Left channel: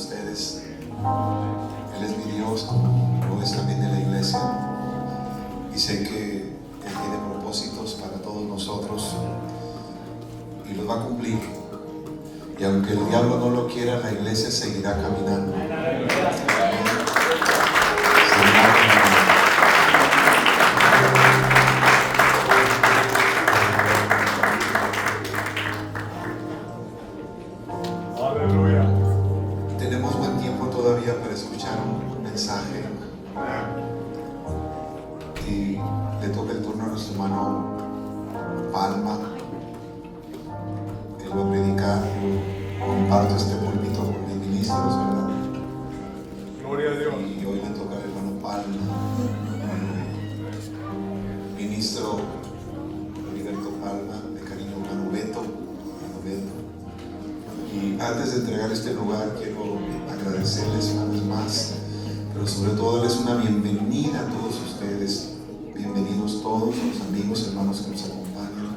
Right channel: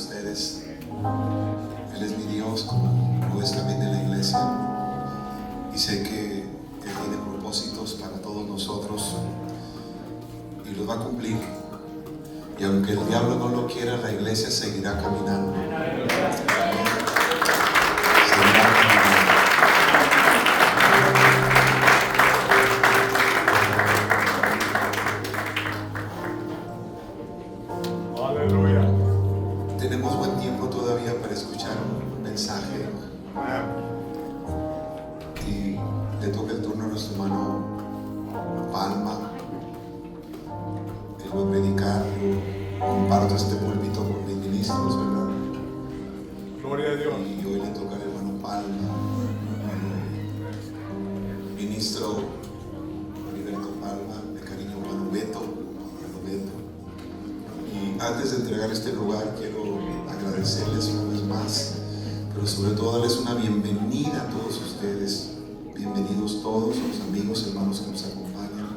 ustedes. Él es mi Dios, como lo es también de la iglesia. Y sé que Él tiene propósitos para todos nosotros y los va a cumplir. Y aunque el diablo no lo quiera, la iglesia seguirá caminando. Seguirá caminando. Tenemos buen tiempo todavía para escuchar un mensaje. Y le toca el turno a nuestro hermano Palma. Él va a predicar. Comparto este púlpito con mis ministros, ¿verdad? Gloria a Dios. Y hoy le toca al hermano Palma, ministro Heriberto Palma, de cariño hermano Beto. Y antes de entregar este lugar, quiero agradecerles una vez más, pero sobre todo darles una bienvenida a todos ustedes. Bienvenidos todos los amigos, hermanos que nos acompañan.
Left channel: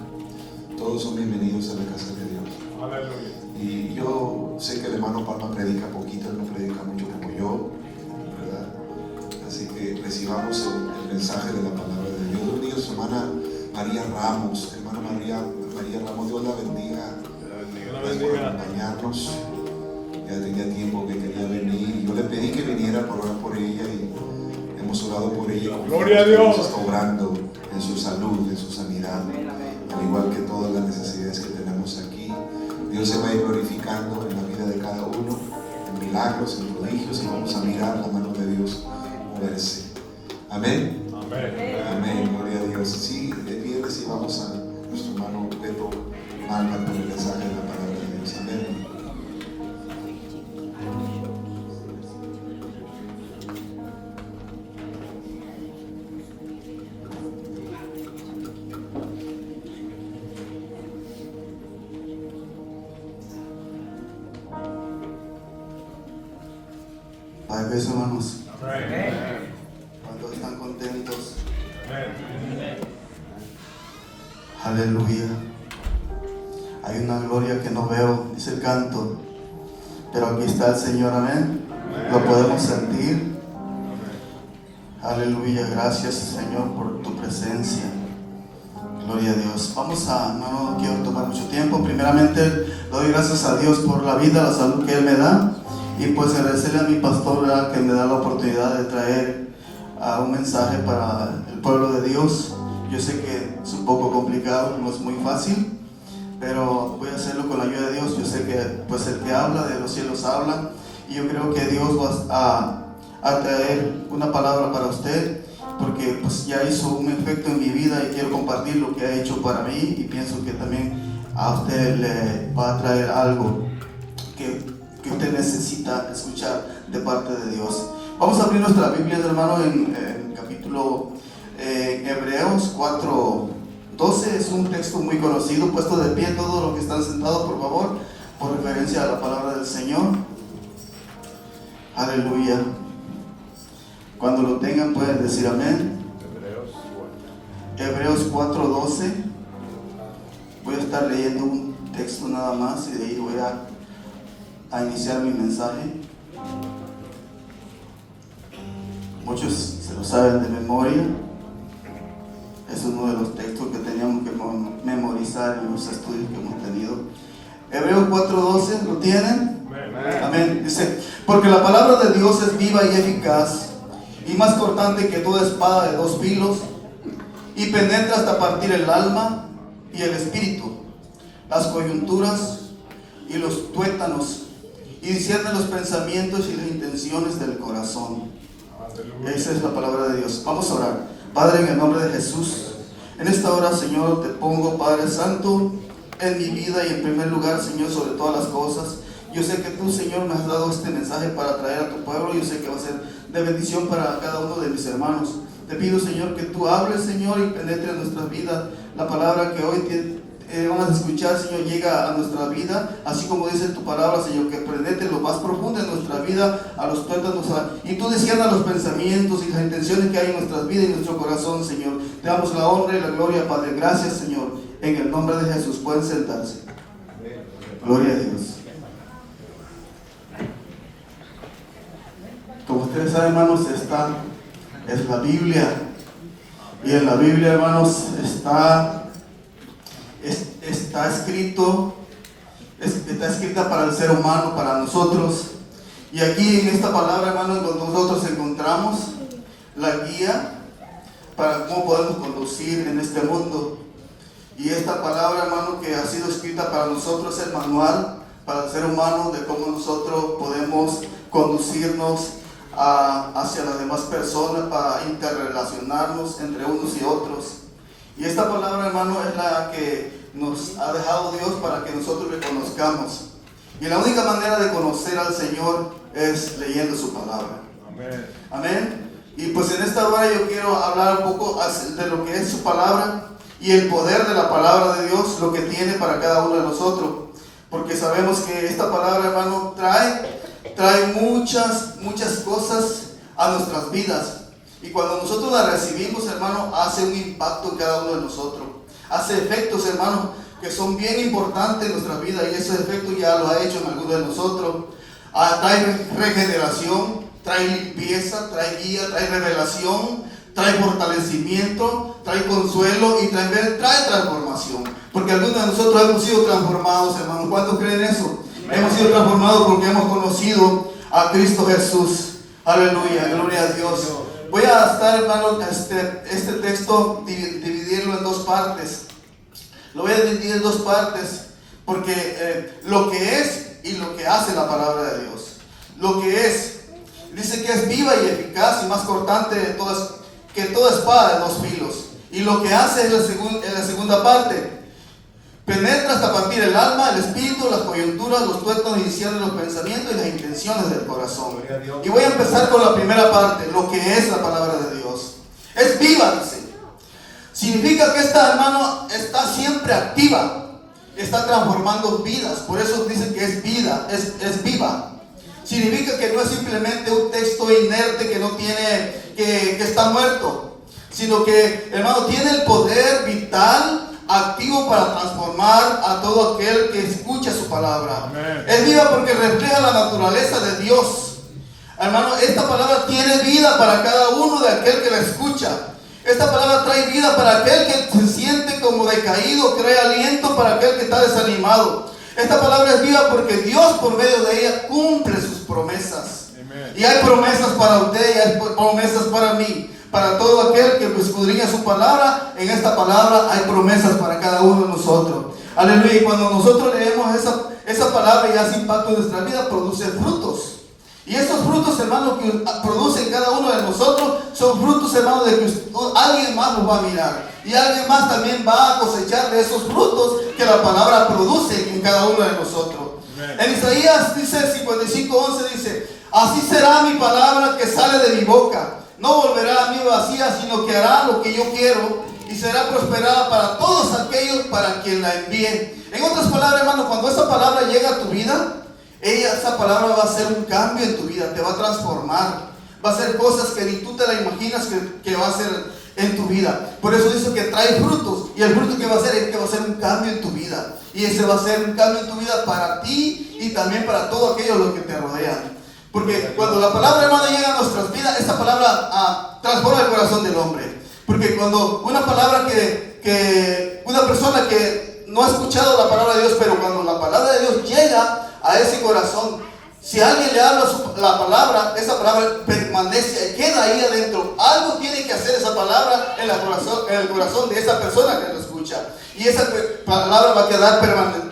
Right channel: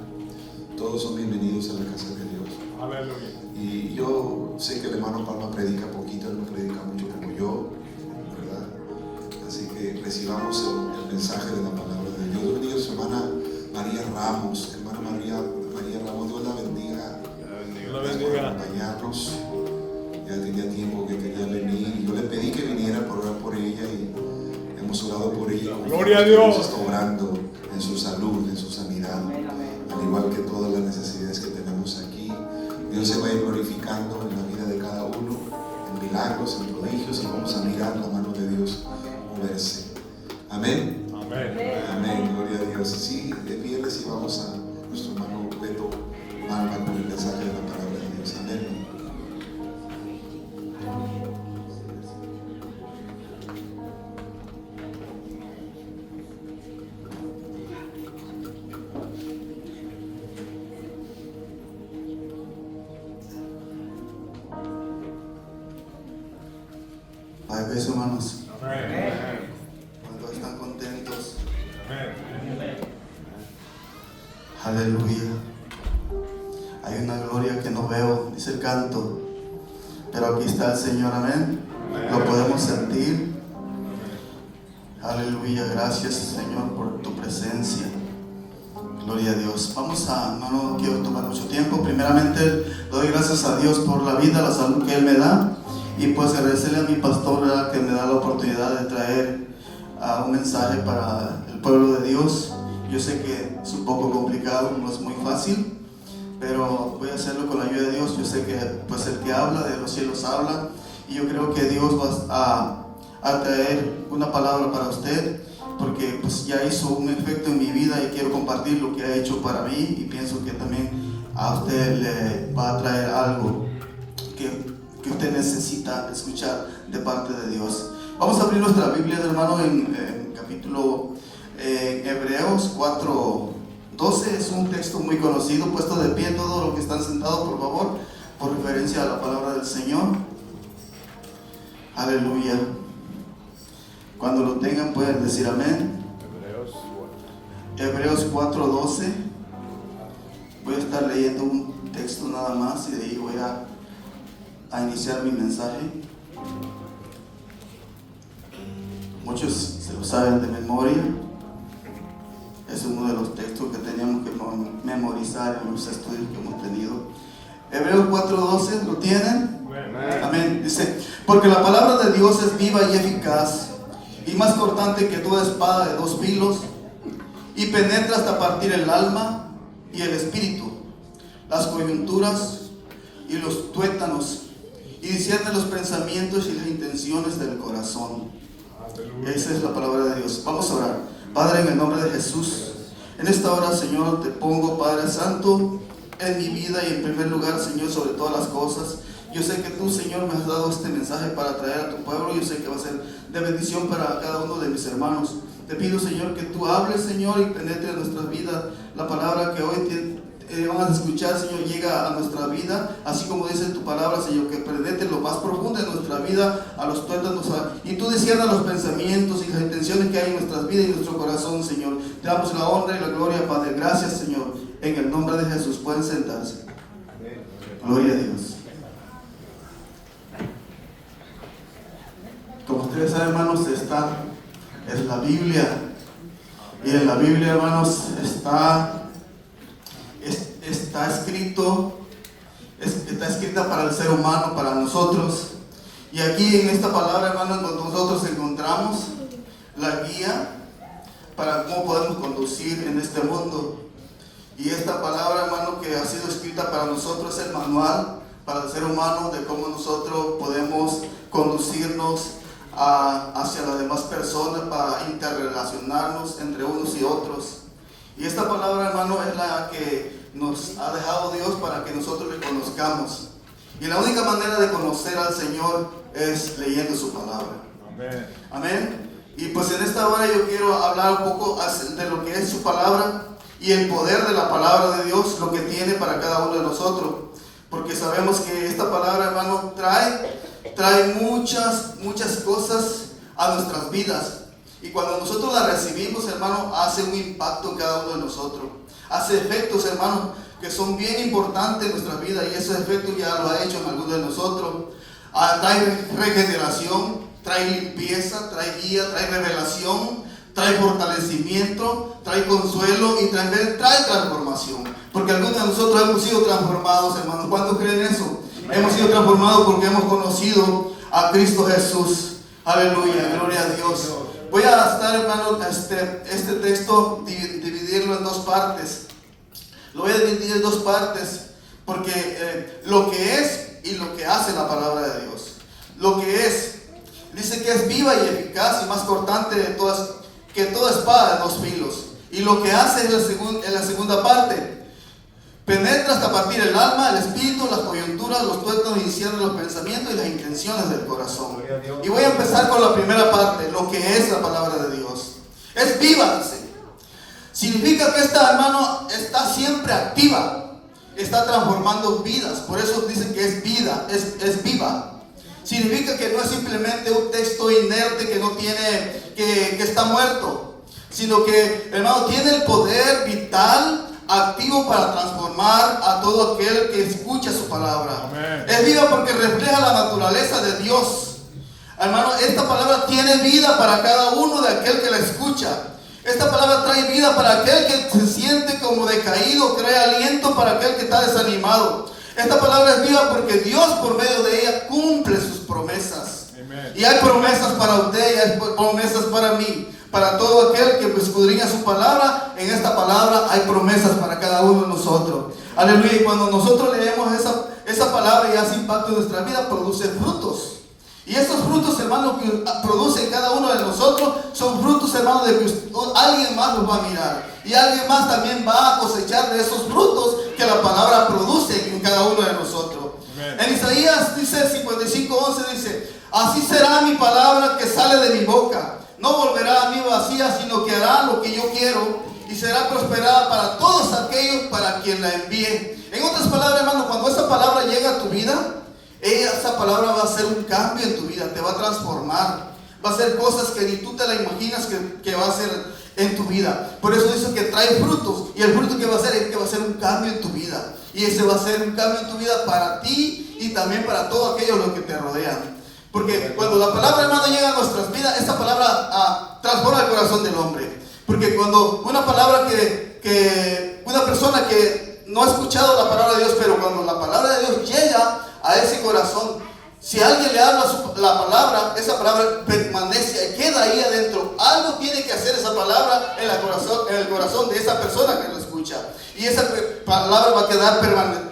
Todos son bienvenidos a la casa de Dios. Aleluya. Y yo sé que el hermano Palma predica poquito, él no predica mucho como yo, ¿verdad? Así que recibamos el mensaje de la palabra de Dios. Dios bendiga a su hermana María Ramos. Hermana María Ramos, Dios la bendiga. Gracias por acompañarnos. Ya tenía tiempo que quería venir. Yo le pedí que viniera por orar por ella y hemos orado por ella. Gloria a Dios. Está obrando en su salud, en su sanidad, al igual que todas las necesidades que tenemos aquí. Dios se va a ir glorificando en la vida de cada uno, en milagros, en prodigios, y vamos a mirar la mano de Dios moverse. Amén. Amén. Amén. Gloria a Dios. Sí, de pie recibamos a nuestro hermano Beto Palma con el mensaje de la palabra de Dios. Amén. Padre, hermanos, Amén. cuando están contentos, Amén. aleluya. Hay una gloria que no veo, es el canto, pero aquí está el Señor, amén. Lo podemos sentir. Aleluya, gracias Señor por tu presencia. Gloria a Dios. No quiero tomar mucho tiempo. Primeramente, doy gracias a Dios por la vida, la salud que Él me da. Y pues agradecerle a mi pastor, ¿verdad?, que me da la oportunidad de traer un mensaje para el pueblo de Dios. Yo sé que es un poco complicado, no es muy fácil, pero voy a hacerlo con la ayuda de Dios. Yo sé que pues el que habla de los cielos habla, y yo creo que Dios va a traer una palabra para usted, porque pues ya hizo un efecto en mi vida y quiero compartir lo que ha hecho para mí, y pienso que también a usted le va a traer algo que usted necesita escuchar de parte de Dios. Vamos a abrir nuestra Biblia, hermano, en capítulo Hebreos 4:12. Es un texto muy conocido. Puesto de pie todos los que están sentados, por favor, por referencia a la palabra del Señor. Aleluya. Cuando lo tengan pueden decir amén. Hebreos 4:12. Voy a estar leyendo un texto nada más y de ahí voy a iniciar mi mensaje. Muchos se lo saben de memoria. Es uno de los textos que teníamos que memorizar en los estudios que hemos tenido. Hebreos 4:12, ¿lo tienen? Amén. Dice: porque la palabra de Dios es viva y eficaz, y más cortante que toda espada de dos filos, y penetra hasta partir el alma y el espíritu, las coyunturas y los tuétanos, y discierne los pensamientos y las intenciones del corazón. Esa es la palabra de Dios. Vamos a orar. Padre, en el nombre de Jesús, en esta hora, Señor, te pongo, Padre Santo, en mi vida y en primer lugar, Señor, sobre todas las cosas. Yo sé que tú, Señor, me has dado este mensaje para traer a tu pueblo. Yo sé que va a ser de bendición para cada uno de mis hermanos. Te pido, Señor, que tú hables, Señor, y penetre en nuestras vidas. La palabra que hoy vamos a escuchar, Señor, llega a nuestra vida, así como dice tu palabra, Señor, que penetre lo más profundo de nuestra vida, a los tuétanos, y tú disciernas los pensamientos y las intenciones que hay en nuestras vidas y en nuestro corazón, Señor. Te damos la honra y la gloria, Padre. Gracias, Señor. En el nombre de Jesús, pueden sentarse. Gloria a Dios. Como ustedes saben, hermanos, es la Biblia. Y en la Biblia, hermanos, está escrita para el ser humano, para nosotros. Y aquí en esta palabra, hermanos, nosotros encontramos la guía para cómo podemos conducir en este mundo. Y esta palabra, hermano, que ha sido escrita para nosotros, es el manual para el ser humano de cómo nosotros podemos conducirnos hacia las demás personas, para interrelacionarnos entre unos y otros. Y esta palabra, hermano, es la que nos ha dejado Dios para que nosotros le conozcamos. Y la única manera de conocer al Señor es leyendo su palabra. Amén. Amén. Y pues en esta hora yo quiero hablar un poco de lo que es su palabra y el poder de la palabra de Dios, lo que tiene para cada uno de nosotros. Porque sabemos que esta palabra, hermano, trae muchas cosas a nuestras vidas. Y cuando nosotros la recibimos, hermano, hace un impacto en cada uno de nosotros. Hace efectos, hermano, que son bien importantes en nuestra vida, y esos efectos ya lo ha hecho en algunos de nosotros. Trae regeneración, trae limpieza, trae guía, trae revelación, trae fortalecimiento, trae consuelo y trae transformación. Porque algunos de nosotros hemos sido transformados, hermanos. ¿Cuántos creen eso? Hemos sido transformados porque hemos conocido a Cristo Jesús. Aleluya, gloria a Dios. Voy a estar, hermano, este texto, dividirlo en dos partes. Lo voy a dividir en dos partes porque lo que es y lo que hace la palabra de Dios. Lo que es, dice que es viva y eficaz y más cortante que toda espada de dos filos. Y lo que hace es la segunda parte. Penetra hasta partir el alma, el espíritu, las coyunturas, los tuétanos y ciernes de los pensamientos y las intenciones del corazón. Y voy a empezar con la primera parte, lo que es la palabra de Dios. Es viva, dice. Significa que esta, hermano, está siempre activa. Está transformando vidas. Por eso dice que es vida, es viva. Significa que no es simplemente un texto inerte que no tiene, que está muerto, sino que, hermano, tiene el poder vital, activo para transformar a todo aquel que escucha su palabra. Amén. Es viva porque refleja la naturaleza de Dios. Hermano, esta palabra tiene vida para cada uno de aquel que la escucha. Esta palabra trae vida para aquel que se siente como decaído, trae aliento para aquel que está desanimado. Esta palabra es viva porque Dios por medio de ella cumple sus promesas. Amen. Y hay promesas para usted y hay promesas para mí. Para todo aquel que escudriña su palabra, en esta palabra hay promesas para cada uno de nosotros. Aleluya. Y cuando nosotros leemos esa palabra y hace impacto en nuestra vida, produce frutos. Y esos frutos, hermanos, que produce cada uno de nosotros, son frutos, hermanos, de que alguien más los va a mirar. Y alguien más también va a cosechar de esos frutos que la palabra produce en cada uno de nosotros. Amen. En Isaías dice 55:11, dice: así será mi palabra que sale de mi boca. No volverá a mí vacía, sino que hará lo que yo quiero y será prosperada para todos aquellos para quien la envíe. En otras palabras, hermano, cuando esa palabra llega a tu vida, esa palabra va a hacer un cambio en tu vida, te va a transformar, va a hacer cosas que ni tú te la imaginas que va a hacer en tu vida. Por eso dice que trae frutos, y el fruto que va a hacer es que va a hacer un cambio en tu vida, y ese va a ser un cambio en tu vida para ti y también para todo aquello lo que te rodean. Porque cuando la palabra, hermano, llega a nuestras vidas, esta palabra transforma el corazón del hombre. Porque cuando una palabra una persona que no ha escuchado la palabra de Dios, pero cuando la palabra de Dios llega a ese corazón, si alguien le habla la palabra, esa palabra permanece, queda ahí adentro. Algo tiene que hacer esa palabra en el corazón de esa persona que lo escucha. Y esa palabra va a quedar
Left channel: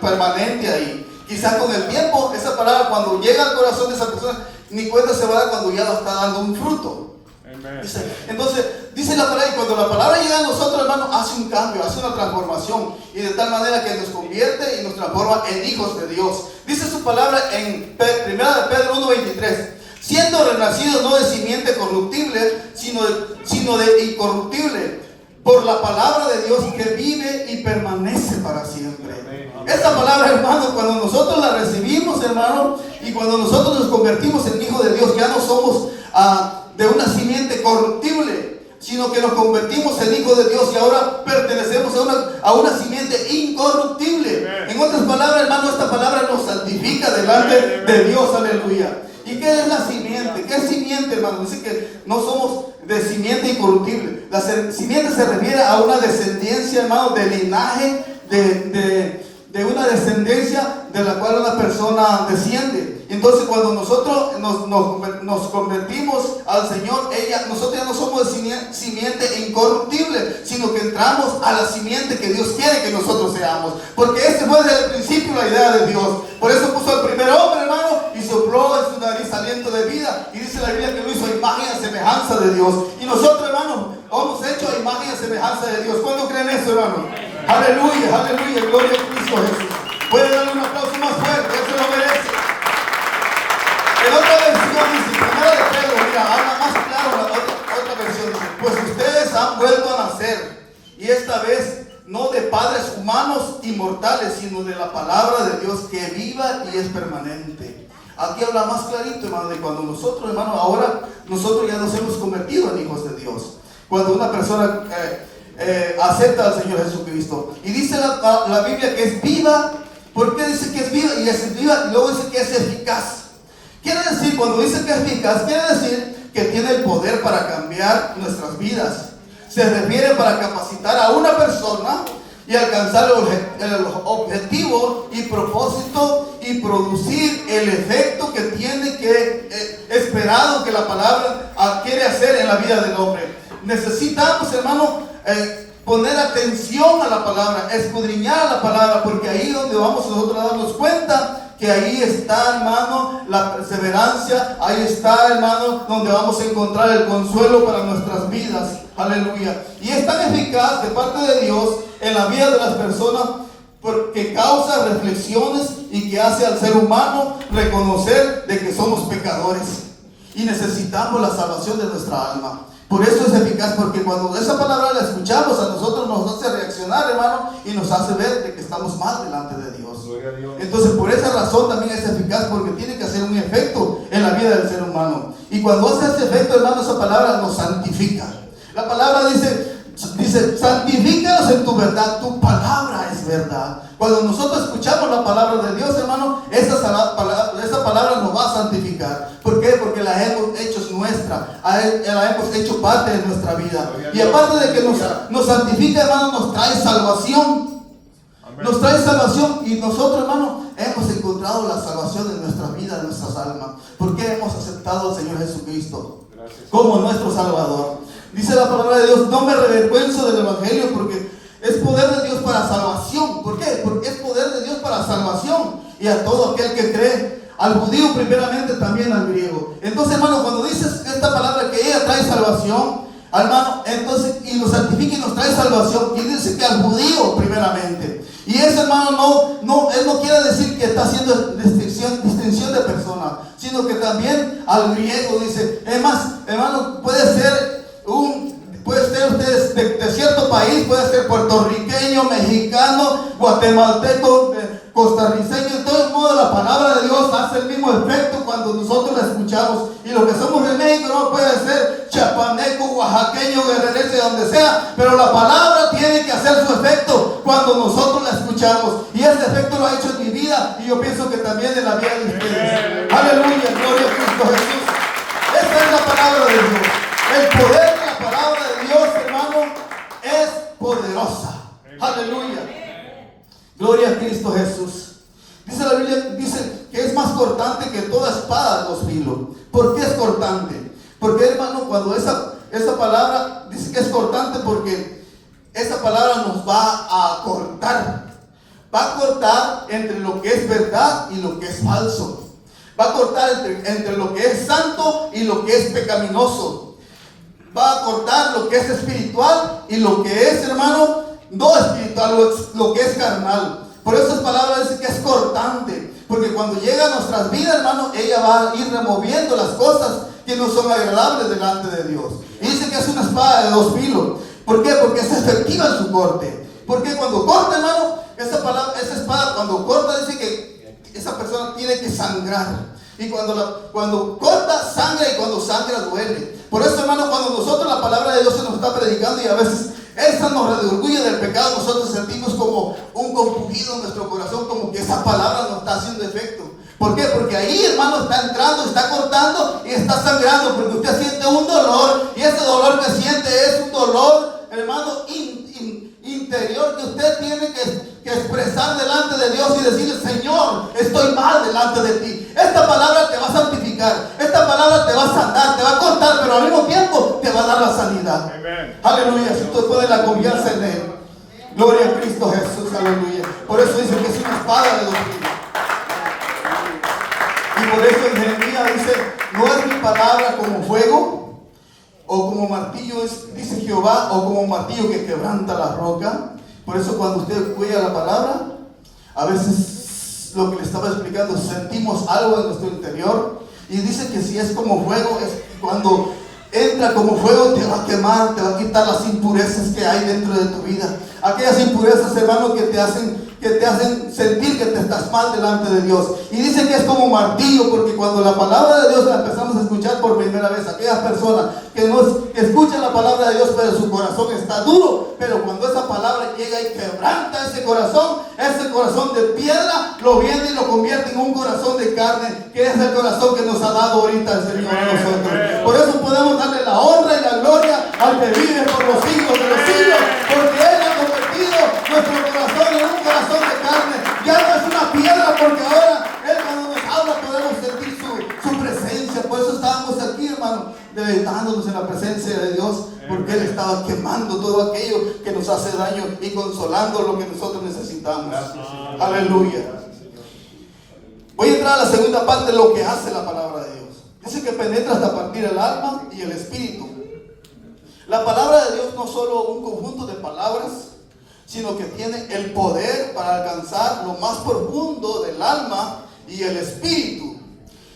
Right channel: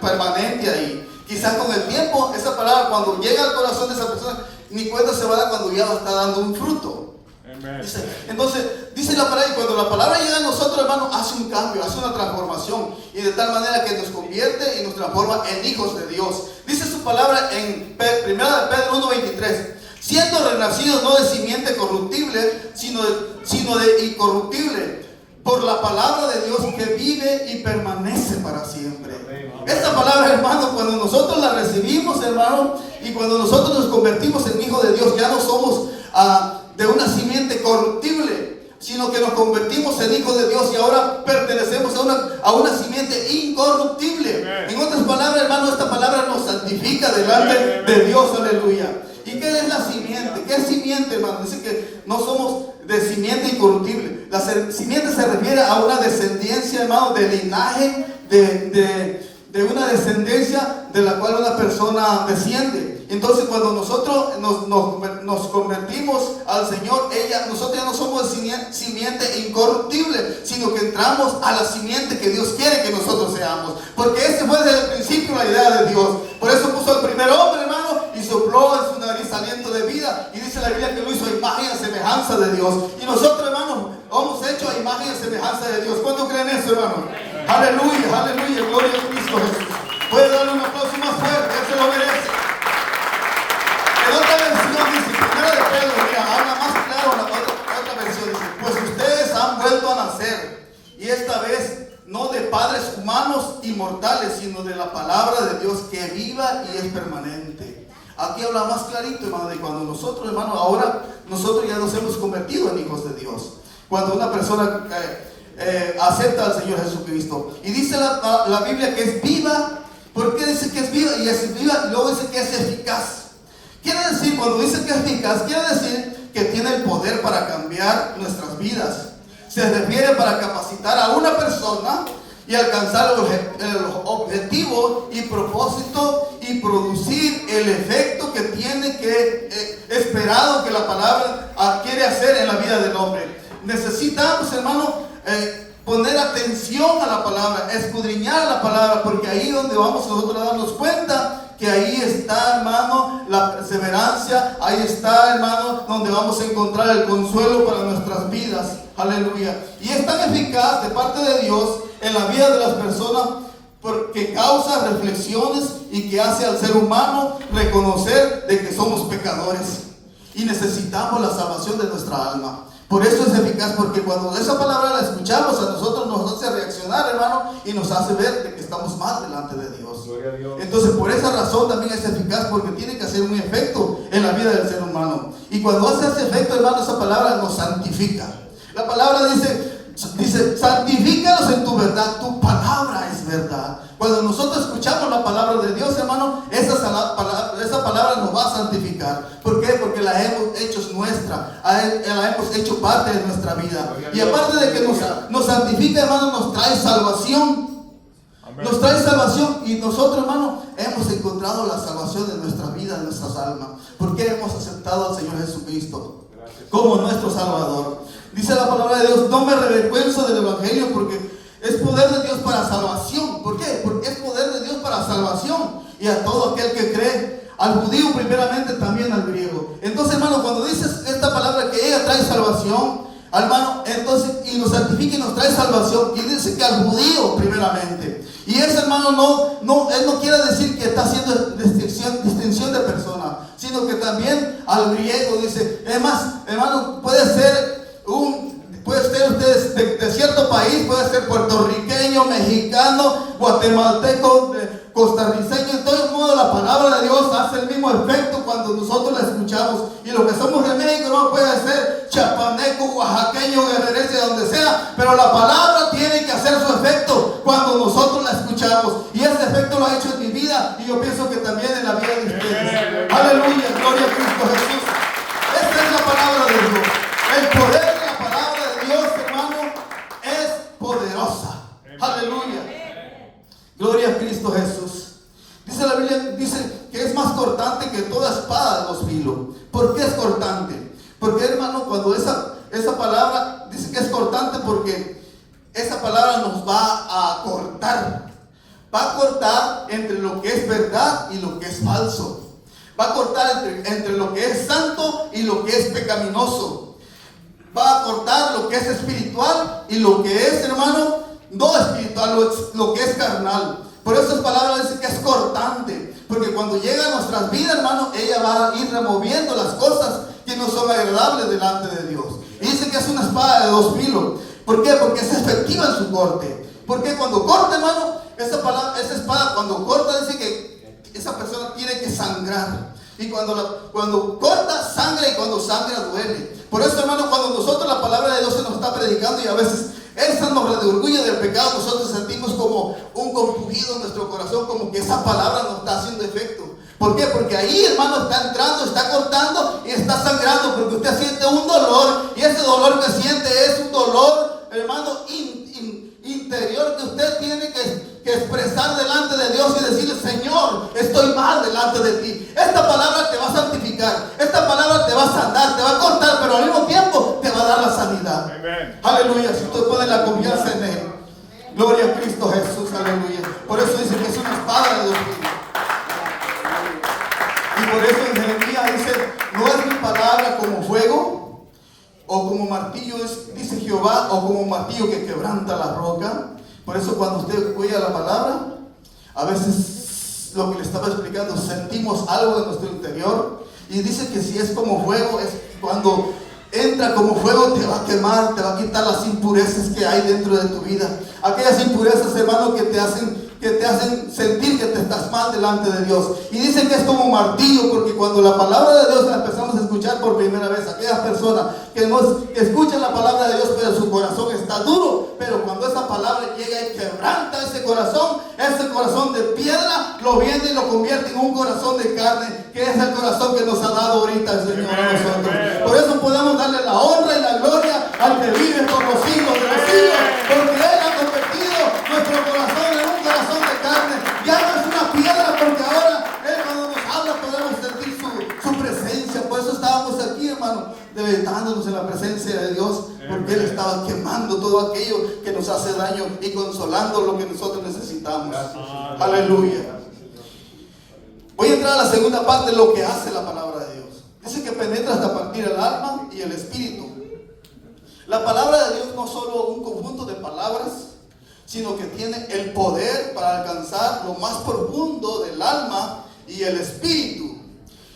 permanente ahí. Quizás con el tiempo, esa palabra cuando llega al corazón de esa persona, ni cuenta se va a dar cuando ya está dando un fruto. Entonces, dice la palabra, y cuando la palabra llega a nosotros, hermano, hace un cambio, hace una transformación, y de tal manera que nos convierte y nos transforma en hijos de Dios. Dice su palabra en 1 Pedro 1:23: siendo renacidos no de simiente corruptible, sino de incorruptible, por la palabra de Dios que vive y permanece para siempre. Esta palabra, hermano, cuando nosotros la recibimos, hermano, y cuando nosotros nos convertimos en hijos de Dios, ya no somos de una simiente corruptible, sino que nos convertimos en hijos de Dios y ahora pertenecemos a una simiente incorruptible. En otras palabras, hermano, esta palabra nos santifica delante de Dios. Aleluya. ¿Y qué es la simiente? simiente. ¿Qué es simiente, hermano? Dice que no somos de simiente incorruptible. La simiente se refiere a una descendencia, hermano, de linaje, de una descendencia de la cual una persona desciende. Entonces, cuando nosotros nos convertimos al Señor, nosotros ya no somos de simiente incorruptible, sino que entramos a la simiente que Dios quiere que nosotros seamos. Porque ese fue desde el principio la idea de Dios. Por eso puso al primer hombre, hermano, y sopló en su nariz aliento de vida. Y dice la Biblia que lo hizo a imagen y a semejanza de Dios. Y nosotros, hermano, hemos hecho a imagen y a semejanza de Dios. ¿Cuándo creen eso, hermano? Aleluya, aleluya, gloria a Cristo Jesús. Puede darle un aplauso más fuerte, eso lo merece. En otra versión dice, primero de Pedro, mira, habla más claro, otra versión dice, pues ustedes han vuelto a nacer, y esta vez no de padres humanos y mortales, sino de la palabra de Dios que viva y es permanente. Aquí habla más clarito, hermano, de cuando nosotros, hermano, ahora nosotros ya nos hemos convertido en hijos de Dios. Cuando una persona acepta al Señor Jesucristo, y dice la Biblia que es viva. ¿Por qué dice que es viva? Y es viva, y luego dice que es eficaz. Quiere decir, cuando dice que es eficaz, quiere decir que tiene el poder para cambiar nuestras vidas. Se refiere para capacitar a una persona y alcanzar el objetivo y propósito y producir el efecto que tiene que esperado que la palabra quiere hacer en la vida del hombre. Necesitamos, hermano, poner atención a la palabra, escudriñar a la palabra, porque ahí es donde vamos nosotros a darnos cuenta que ahí está, hermano, la perseverancia, ahí está, hermano, donde vamos a encontrar el consuelo para nuestras vidas. Aleluya. Y es tan eficaz de parte de Dios en la vida de las personas porque causa reflexiones y que hace al ser humano reconocer de que somos pecadores y necesitamos la salvación de nuestra alma. Por eso es eficaz, porque cuando esa palabra la escuchamos, a nosotros nos hace reaccionar, hermano, y nos hace ver de que estamos mal delante de Dios. Entonces, por esa razón también es eficaz, porque tiene que hacer un efecto en la vida del ser humano. Y cuando hace ese efecto, hermano, esa palabra nos santifica. La palabra dice, santifícalos en tu verdad, tu palabra es verdad. Cuando nosotros escuchamos la palabra de Dios, hermano, esa palabra nos va a santificar. ¿Por qué? Porque la hemos hecho nuestra, la hemos hecho parte de nuestra vida. Y aparte de que nos santifica, hermano, nos trae salvación. Nos trae salvación, y nosotros, hermano, hemos encontrado la salvación de nuestra vida, de nuestras almas, porque hemos aceptado al Señor Jesucristo como nuestro Salvador. Dice la palabra de Dios, no me avergüenzo del Evangelio, porque es poder de Dios para salvación. ¿Por qué? Porque es poder de Dios para salvación, y a todo aquel que cree, al judío primeramente, también al griego. Entonces, hermano, cuando dices esta palabra que ella trae salvación, hermano, entonces, y nos santifica y nos trae salvación, y dice que al judío primeramente. Y eso, hermano, él no quiere decir que está haciendo distinción de personas, sino que también al griego dice. Es más, hermano, puede ser usted de cierto país, puede ser puertorriqueño, mexicano, guatemalteco, costarricenho. De todo modo, la palabra de Dios hace el mismo efecto cuando nosotros la escuchamos. Y lo que somos de México no puede ser chapaneco, oaxaqueño, guerrerense, donde sea, pero la palabra tiene que hacer su efecto cuando nosotros la escuchamos. Y ese efecto lo ha hecho en mi vida, y yo pienso que también en la vida de ustedes. Aleluya, gloria a Cristo Jesús. Esta es la palabra de Dios. El poder de la palabra de Dios, hermano, es poderosa. Aleluya. Gloria a Cristo Jesús. Dice la Biblia, dice que es más cortante que toda espada de dos filos. ¿Por qué es cortante? Porque, hermano, cuando esa palabra dice que es cortante, porque esa palabra nos va a cortar. Va a cortar entre lo que es verdad y lo que es falso. Va a cortar entre lo que es santo y lo que es pecaminoso. Va a cortar lo que es espiritual y lo que es, hermano, no espiritual, lo que es carnal. Por eso esa palabra dice que es cortante, porque cuando llega a nuestras vidas, hermano, ella va a ir removiendo las cosas que no son agradables delante de Dios. Y dice que es una espada de dos filos. ¿Por qué? Porque es efectiva en su corte. Porque cuando corta, hermano, esa espada cuando corta, dice que esa persona tiene que sangrar. Y cuando corta, sangra, y cuando sangra, duele. Por eso, hermano, cuando nosotros la palabra de Dios se nos está predicando, y a veces esa nos redarguye del pecado, nosotros sentimos como un compungido en nuestro corazón, como que esa palabra nos está haciendo efecto. ¿Por qué? Porque ahí, hermano, está entrando, está cortando y está dolor que siente es un dolor, hermano, interior que usted tiene que expresar delante de Dios y decirle: Señor, estoy mal delante de ti. Esta palabra te va a santificar, esta palabra te va a sanar, te va a cortar, pero al mismo tiempo te va a dar la sanidad. Amén. Aleluya, si tú pones la confianza en Él. Gloria a Cristo Jesús, aleluya. Por eso dice que es una espada de dos filos. Y por eso en Jeremías dice: no es mi palabra como fuego, o como martillo es, dice Jehová, o como martillo que quebranta la roca. Por eso cuando usted oye la palabra, a veces lo que le estaba explicando, sentimos algo en nuestro interior. Y dice que si es como fuego, es cuando entra como fuego, te va a quemar, te va a quitar las impurezas que hay dentro de tu vida. Aquellas impurezas, hermano, que te hacen sentir que te estás mal delante de Dios. Y dice que es como martillo, porque cuando la palabra de Dios la empezamos a escuchar por primera vez, aquellas personas que escuchan la palabra de Dios, pero su corazón está duro, pero cuando esa palabra llega y quebranta ese corazón de piedra, lo viene y lo convierte en un corazón de carne, que es el corazón que nos ha dado ahorita el Señor a nosotros. Por eso podemos darle la honra y la gloria al que vive por los siglos de los siglos, porque Él ha convertido nuestro corazón en un corazón de carne. Ya no es una piedra, porque ahora Él, cuando nos habla, podemos sentir su presencia. Por eso estábamos aquí, hermano, deleitándonos en la presencia de Dios, porque Él estaba quemando todo aquello que nos hace daño y consolando lo que nosotros necesitamos. Aleluya. Voy a entrar a la segunda parte de lo que hace la palabra de Dios. Dice que penetra hasta partir el alma y el espíritu. La palabra de Dios no solo un conjunto de palabras, sino que tiene el poder para alcanzar lo más profundo del alma y el espíritu.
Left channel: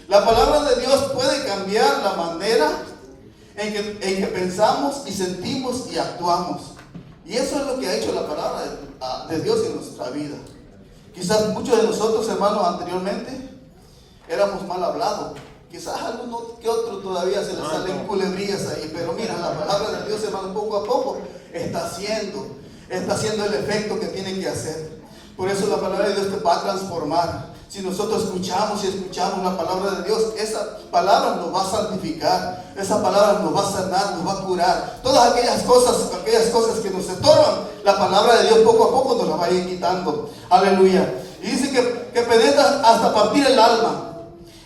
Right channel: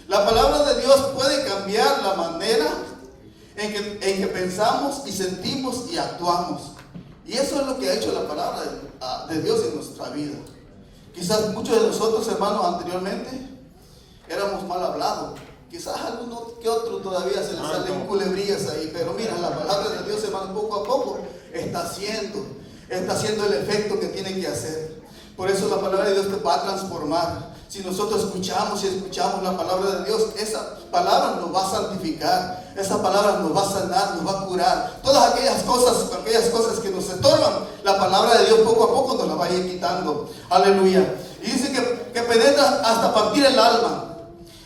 La palabra de Dios puede cambiar la manera en que pensamos y sentimos y actuamos. Y eso es lo que ha hecho la palabra de Dios en nuestra vida. Quizás muchos de nosotros, hermanos, anteriormente éramos mal hablados. Quizás alguno que otro todavía se le salen culebrillas ahí, pero mira, la palabra de Dios, hermano, poco a poco está haciendo el efecto que tiene que hacer. Por eso la palabra de Dios te va a transformar. Si nosotros escuchamos la palabra de Dios, esa palabra nos va a santificar, esa palabra nos va a sanar, nos va a curar. Todas aquellas cosas que nos estorban, la palabra de Dios poco a poco nos la va a ir quitando. Aleluya. Y dice que penetra hasta partir el alma.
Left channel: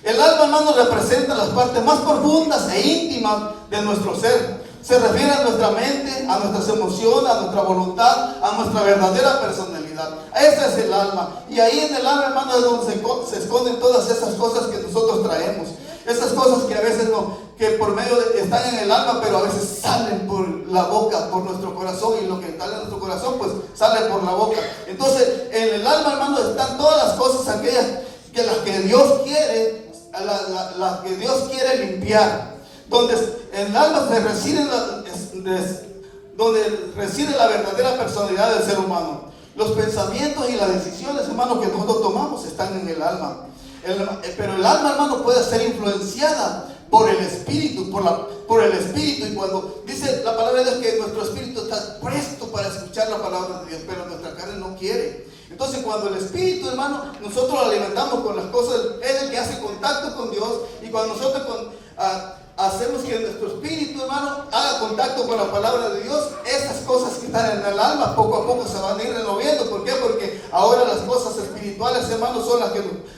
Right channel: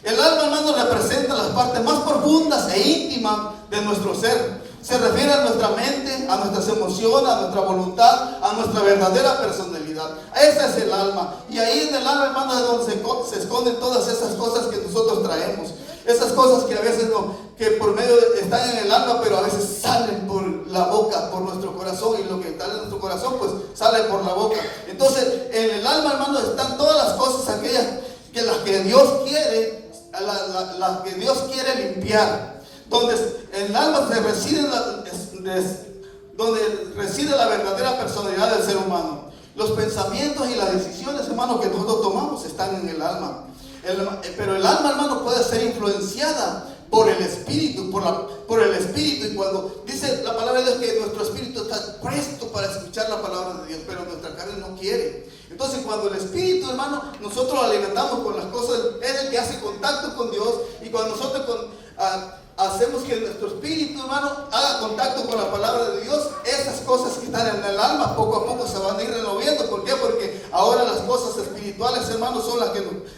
El alma, hermano, representa las partes más profundas e íntimas de nuestro ser. Se refiere a nuestra mente, a nuestras emociones, a nuestra voluntad, a nuestra verdadera personalidad. Ese es el alma. Y ahí en el alma, hermano, es donde se esconden todas esas cosas que nosotros traemos. Esas cosas que a veces que por medio están en el alma, pero a veces salen por la boca, por nuestro corazón. Y lo que está en nuestro corazón, pues sale por la boca. Entonces, en el alma, hermano, están todas las cosas aquellas que las que Dios quiere, las que Dios quiere limpiar. Donde en el alma donde reside la verdadera personalidad del ser humano. Los pensamientos y las decisiones, hermano, que nosotros tomamos están en el alma. Pero el alma, hermano, puede ser influenciada por el espíritu, por el espíritu. Y cuando dice la palabra de Dios que nuestro espíritu está presto para escuchar la palabra de Dios, pero nuestra carne no quiere. Entonces, cuando el espíritu, hermano, nosotros lo alimentamos con las cosas, es el que hace contacto con Dios. Y cuando nosotros hacemos que nuestro espíritu, hermano, haga contacto con la palabra de Dios, esas cosas que están en el alma poco a poco se van a ir removiendo. ¿Por qué? Porque ahora las cosas espirituales, hermano, son las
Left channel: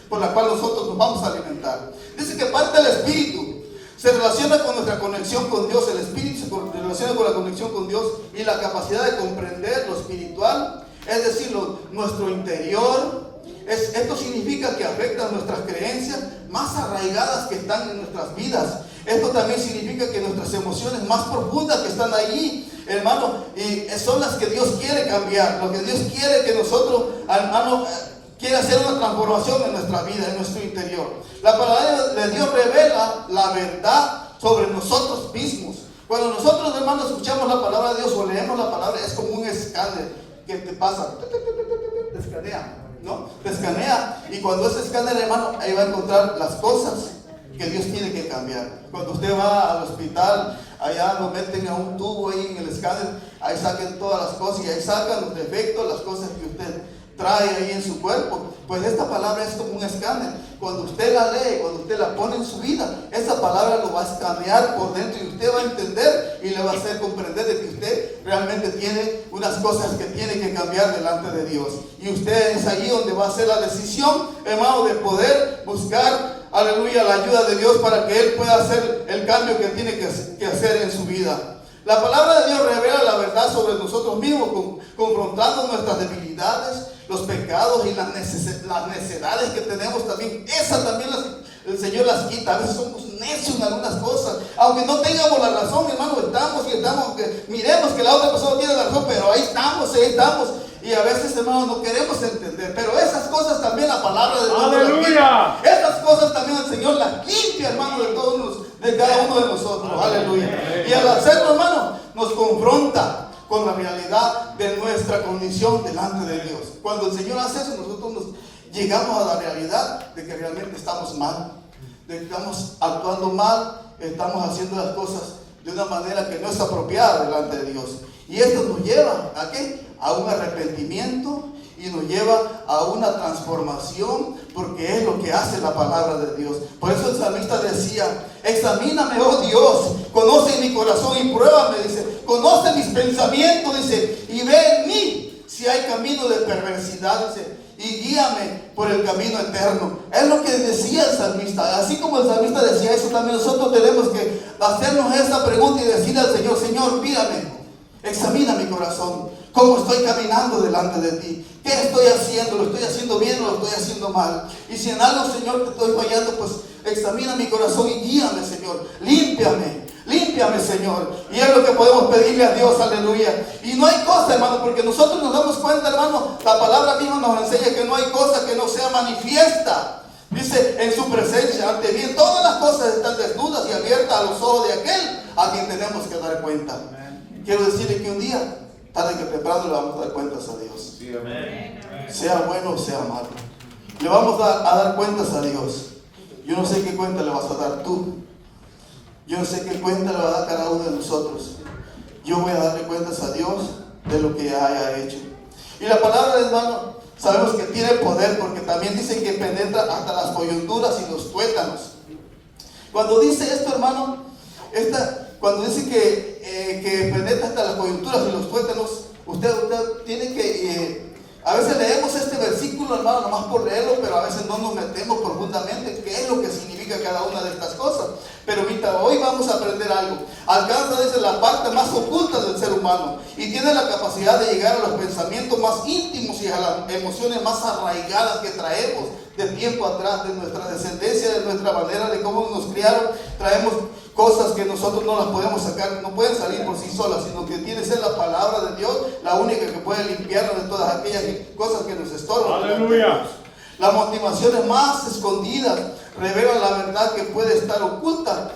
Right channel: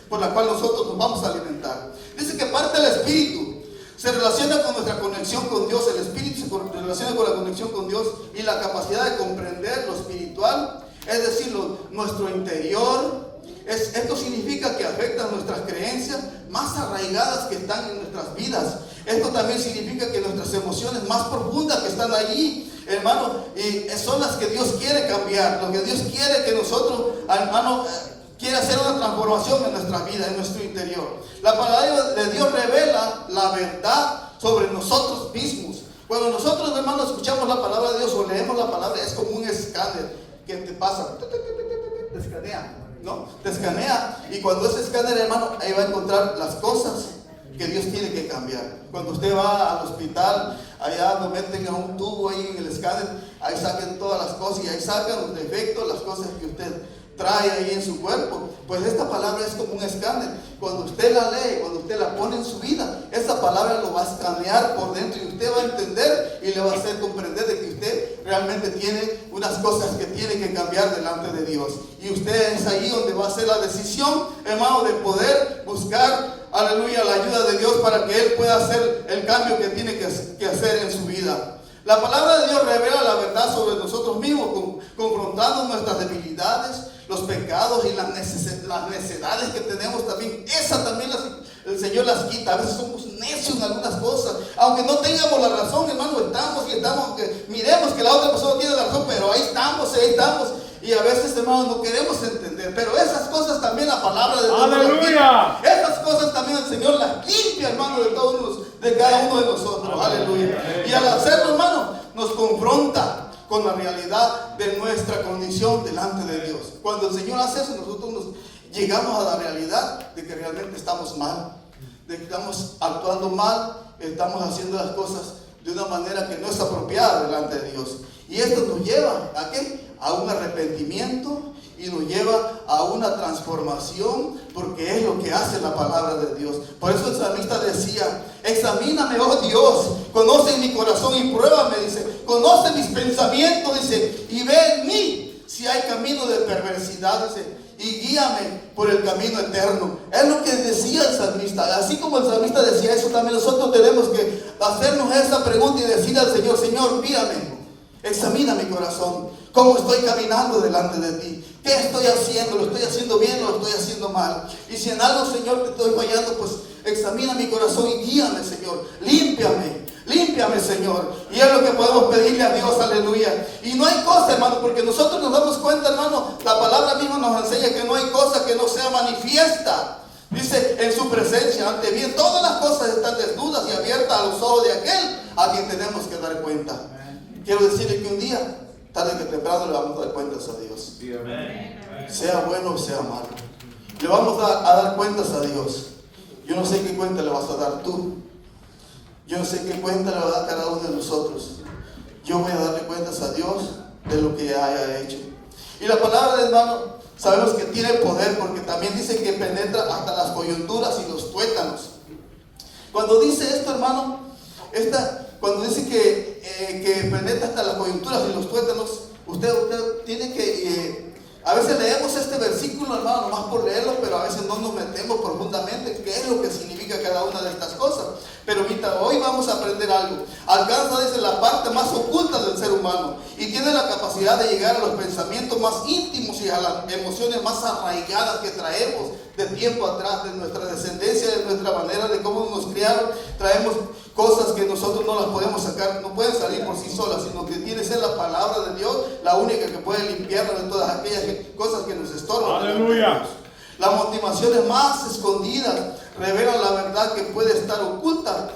por las cuales nosotros nos vamos a alimentar. Dice que parte del espíritu se relaciona con nuestra conexión con Dios. El espíritu se relaciona con la conexión con Dios y la capacidad de comprender lo espiritual, es decir, nuestro interior. Esto significa que afecta nuestras creencias más arraigadas que están en nuestras vidas. Esto también significa que nuestras emociones más profundas que están allí, hermano, y son las que Dios quiere cambiar. Lo que Dios quiere que nosotros, hermano, quiere hacer una transformación en nuestra vida, en nuestro interior. La palabra de Dios revela la verdad sobre nosotros mismos. Cuando nosotros, hermano, escuchamos la palabra de Dios o leemos la palabra, es como un escáner que te pasa, te escanea, ¿no? Te escanea, y cuando ese escáner, hermano, ahí va a encontrar las cosas que Dios tiene que cambiar. Cuando usted va al hospital, allá lo meten a un tubo ahí en el escáner, ahí saquen todas las cosas y ahí sacan los defectos, las cosas trae ahí en su cuerpo. Pues esta palabra es como un escáner. Cuando usted la lee, cuando usted la pone en su vida, esa palabra lo va a escanear por dentro y usted va a entender y le va a hacer comprender de que usted realmente tiene unas cosas que tiene que cambiar delante de Dios. Y usted es ahí donde va a hacer la decisión, hermano, de poder buscar, aleluya, la ayuda de Dios para que Él pueda hacer el cambio que tiene que hacer en su vida. La palabra de Dios revela la verdad sobre nosotros mismos, confrontando nuestras debilidades, los pecados y las necesidades que tenemos también. Esas también el Señor las quita. A veces somos necios en algunas cosas. Aunque no tengamos la razón, hermano, estamos, aunque miremos que la otra persona tiene la razón, pero ahí estamos. Y a veces, hermano, no queremos entender. Pero esas cosas también la palabra de Dios. ¡Aleluya! Esas cosas también el Señor las limpia, hermano, de cada uno de nosotros. Aleluya. Y al hacerlo, hermano, nos confronta con la realidad de nuestra condición delante de Dios. Cuando el Señor hace eso, nosotros llegamos a la realidad de que realmente estamos mal, de que estamos actuando mal, estamos haciendo las cosas de una manera que no es apropiada delante de Dios. Y esto nos lleva ¿a qué? A un arrepentimiento y nos lleva a una transformación, porque es lo que hace la palabra de Dios. Por eso el salmista decía: examíname, oh Dios, conoce mi corazón y pruébame, dice, conoce mis pensamientos, dice, y ve en mí si hay camino de perversidad, dice, y guíame por el camino eterno. Es lo que decía el salmista. Así como el salmista decía eso, también nosotros tenemos que hacernos esa pregunta y decirle al Señor: Señor, mírame, examina mi corazón, cómo estoy caminando delante de ti, qué estoy haciendo, lo estoy haciendo bien o lo estoy haciendo mal. Y si en algo, Señor, te estoy fallando, pues examina mi corazón y guíame, Señor, límpiame, Señor. Y es lo que podemos pedirle a Dios, aleluya. Y no hay cosa, hermano, porque nosotros nos damos cuenta, hermano, la palabra misma nos enseña que no hay cosa que no sea manifiesta. Dice, en su presencia, ante bien, todas las cosas están desnudas y abiertas a los ojos de aquel a quien tenemos que dar cuenta. Quiero decirle que un día, tarde que temprano, le vamos a dar cuentas a Dios. Sí, amén. Sea bueno o sea malo, le vamos a dar cuentas a Dios. Yo no sé qué cuenta le vas a dar tú. Yo no sé qué cuenta le va a dar cada uno de nosotros. Yo voy a darle cuentas a Dios de lo que haya hecho. Y la palabra de hermano, sabemos que tiene poder, porque también dice que penetra hasta las coyunturas y los tuétanos. Cuando dice esto, hermano, cuando dice que penetra hasta las coyunturas y los tuétanos, usted tiene que... a veces leemos este versículo, hermano, nomás por leerlo, pero a veces no nos metemos profundamente qué es lo que significa cada una de estas cosas. Pero ahorita, hoy vamos a aprender algo. Alcanza, dice, la parte más oculta del ser humano y tiene la capacidad de llegar a los pensamientos más íntimos y a las emociones más arraigadas que traemos de tiempo atrás, de nuestra descendencia, de nuestra manera, de cómo nos criaron. Traemos cosas que nosotros no las podemos sacar, no pueden salir por sí solas, sino que tiene que ser la palabra de Dios la única que puede limpiarnos de todas aquellas cosas que nos estorban. Aleluya. Las motivaciones más escondidas revelan la verdad que puede estar oculta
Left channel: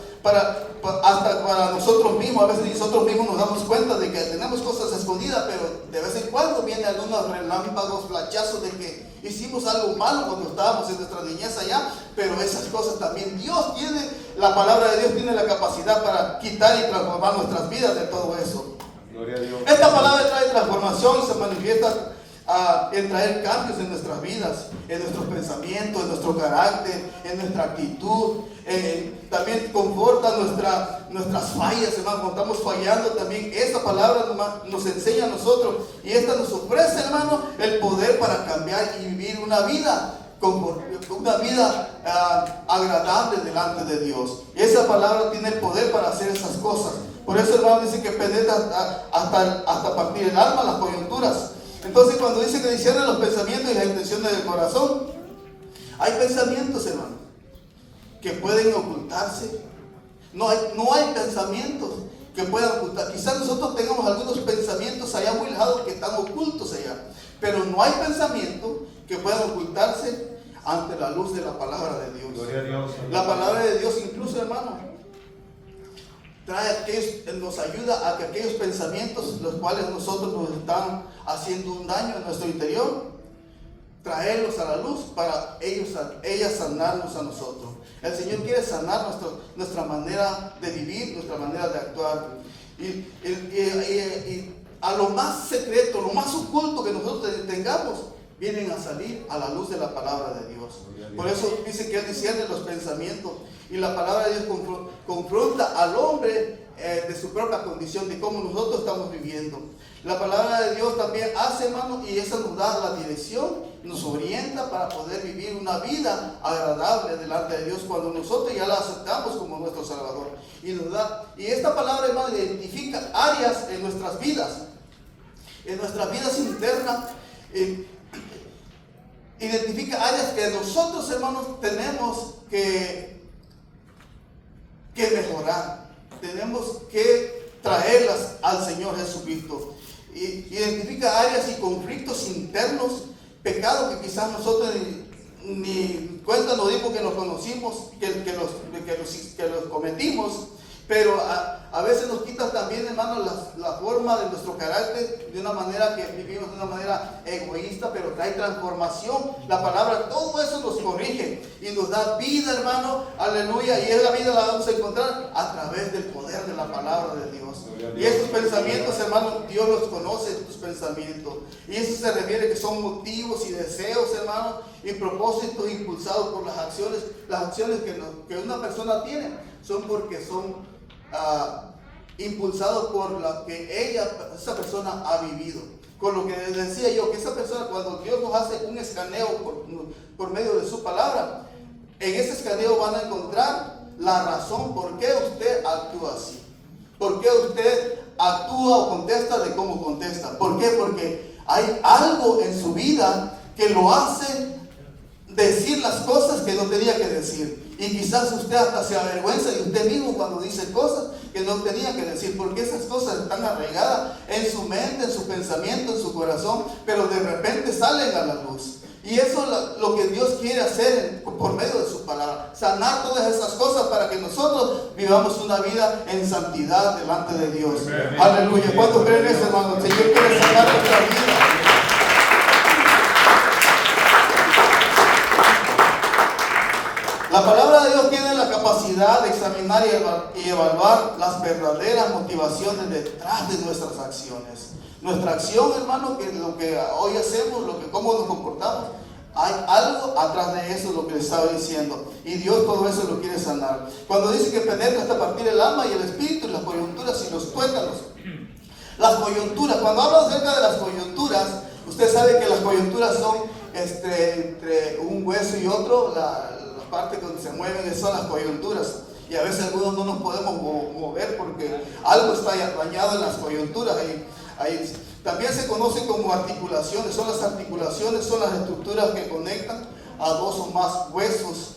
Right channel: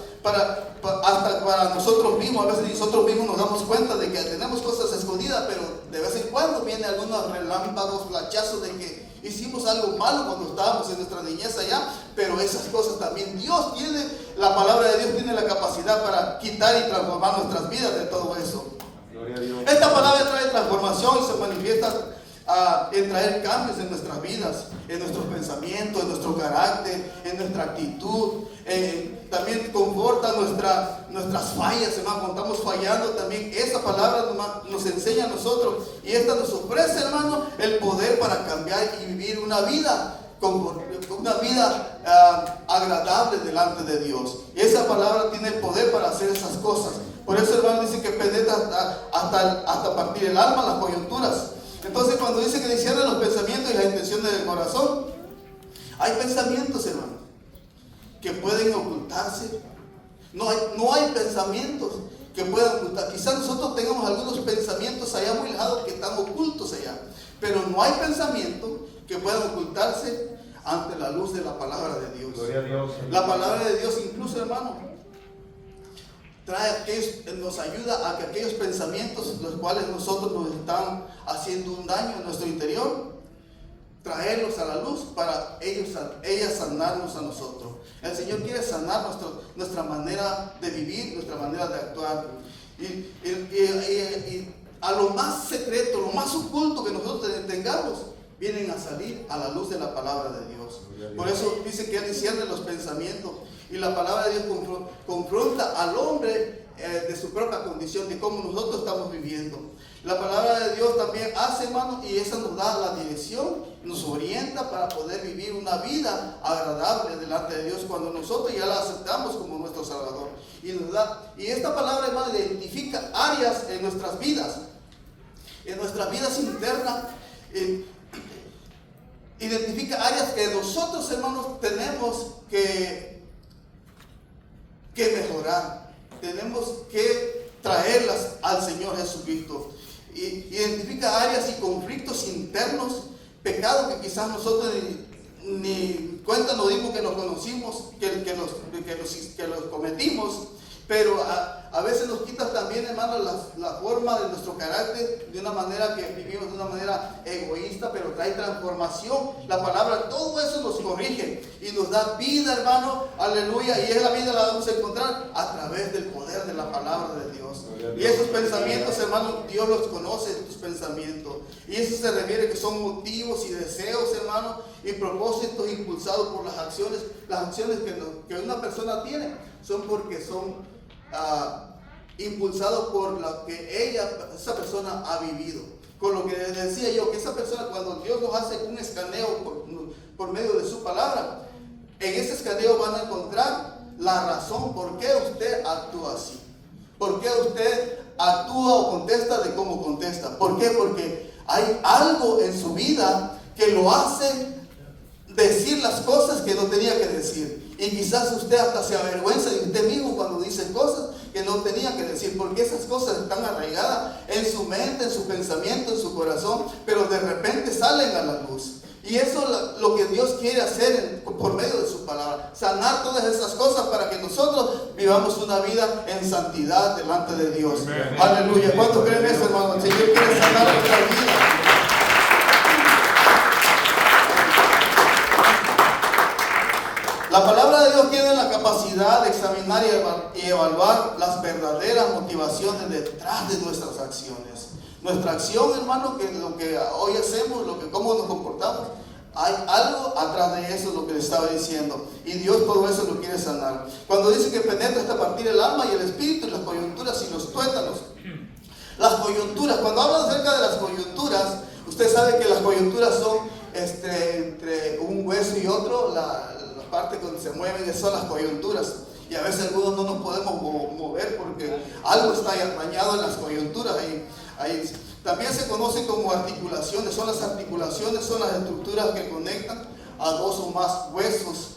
hasta para nosotros mismos. A veces nosotros mismos nos damos cuenta de que tenemos cosas escondidas, pero de vez en cuando vienen algunos relámpagos, flachazos de que hicimos algo malo cuando estábamos en nuestra niñez allá. Pero esas cosas también Dios tiene, la palabra de Dios tiene la capacidad para quitar y transformar nuestras vidas de todo eso. Gloria a Dios. Esta palabra trae transformación y se manifiesta en traer cambios en nuestras vidas, en nuestros pensamientos, en nuestro carácter, en nuestra actitud. También conforta nuestras fallas, hermano. Cuando estamos fallando, también esta palabra nos enseña a nosotros, y esta nos ofrece, hermano, el poder para cambiar y vivir una vida agradable delante de Dios. Y esa palabra tiene el poder para hacer esas cosas. Por eso, hermano, dice que penetra hasta partir el alma, las coyunturas. Entonces, cuando dice que discierne los pensamientos y las intenciones del corazón, hay pensamientos, hermano, que pueden ocultarse. No hay pensamientos que puedan ocultar. Quizás nosotros tengamos algunos pensamientos allá muy lejanos que están ocultos allá, pero no hay pensamientos que puedan ocultarse ante la luz de la palabra de Dios. Gloria a Dios. La palabra de Dios, incluso, hermano, nos ayuda a que aquellos pensamientos, los cuales nosotros nos están haciendo un daño en nuestro interior, traerlos a la luz para ellas sanarnos a nosotros. El Señor quiere sanar nuestra manera de vivir, nuestra manera de actuar. Y a lo más secreto, lo más oculto que nosotros tengamos, vienen a salir a la luz de la palabra de Dios. Por eso dice que Él discierne los pensamientos, y la palabra de Dios confronta al hombre de su propia condición, de cómo nosotros estamos viviendo. La palabra de Dios también hace, hermano, y esa nos da la dirección, nos orienta para poder vivir una vida agradable delante de Dios cuando nosotros ya la aceptamos como nuestro Salvador. Y esta palabra, hermano, identifica áreas en nuestras vidas internas, identifica áreas que nosotros, hermanos, tenemos que mejorar, tenemos que traerlas al Señor Jesucristo. Identifica áreas y conflictos internos, pecados que quizás nosotros ni cuenta nos dimos que los conocimos, que los cometimos, pero a veces nos quita también, hermano, la forma de nuestro carácter, de una manera que vivimos de una manera egoísta, pero trae transformación. La palabra, todo eso nos corrige y nos da vida, hermano, aleluya, y esa vida la vamos a encontrar a través del poder de la palabra de Dios. Y esos pensamientos, hermano, Dios los conoce, tus pensamientos, y eso se refiere que son motivos y deseos, hermano, y propósitos impulsados por las acciones que una persona tiene, son porque son impulsados por lo que esa persona ha vivido. Con lo que les decía yo, que esa persona, cuando Dios nos hace un escaneo por medio de su palabra, en ese escaneo van a encontrar la razón por qué usted actúa así, por qué usted actúa o contesta de cómo contesta. ¿Por qué? Porque hay algo en su vida que lo hace decir las cosas que no tenía que decir. Y quizás usted hasta se avergüenza de usted mismo cuando dice cosas que no tenía que decir, porque esas cosas están arraigadas en su mente, en su pensamiento, en su corazón, pero de repente salen a la luz. Y eso es lo que Dios quiere hacer por medio de su palabra, sanar todas esas cosas para que nosotros vivamos una vida en santidad delante de Dios. Amén. Aleluya. ¿Cuántos creen eso, hermano? El Señor quiere sanar nuestra vida. La palabra de Dios tiene la capacidad de examinar y evaluar las verdaderas motivaciones detrás de nuestras acciones. Nuestra acción, hermano, que lo que hoy hacemos, cómo nos comportamos, hay algo atrás de eso, lo que le estaba diciendo. Y Dios todo eso lo quiere sanar. Cuando dice que penetra hasta partir el alma y el espíritu, las coyunturas y los tuétanos. Las coyunturas, cuando habla acerca de las coyunturas, usted sabe que las coyunturas son entre un hueso y otro, la parte donde se mueven son las coyunturas, y a veces algunos no nos podemos mover porque algo está dañado en las coyunturas. Ahí también se conoce como articulaciones. Son las articulaciones, son las estructuras que conectan a dos o más huesos,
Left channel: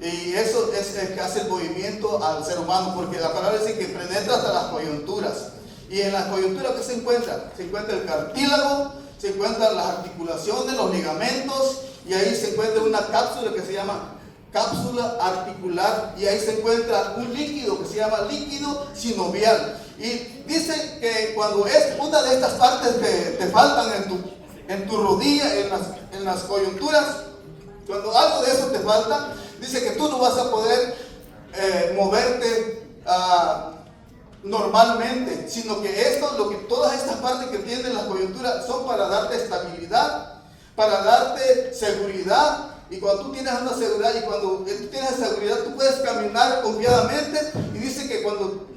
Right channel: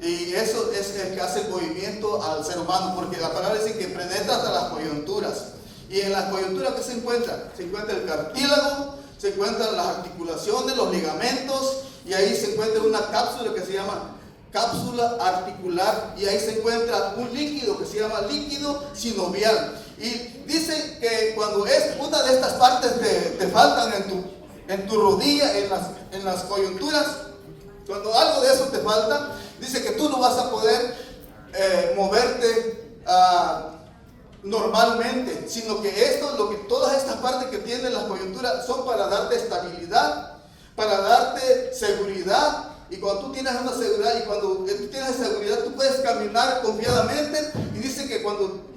y eso es el que hace el movimiento al ser humano, porque la palabra dice que penetra hasta las coyunturas. Y en las coyunturas, ¿qué se encuentra? Se encuentra el cartílago, se encuentran las articulaciones, los ligamentos, y ahí se encuentra una cápsula que se llama cápsula articular, y ahí se encuentra un líquido que se llama líquido sinovial. Y dice que cuando es una de estas partes que te faltan en tu rodilla, en las coyunturas, cuando algo de eso te falta, dice que tú no vas a poder moverte normalmente, sino que todas estas partes que tienen las coyunturas son para darte estabilidad, para darte seguridad. Y cuando tú tienes una seguridad, y cuando tú tienes seguridad, tú puedes caminar confiadamente. Y dice que cuando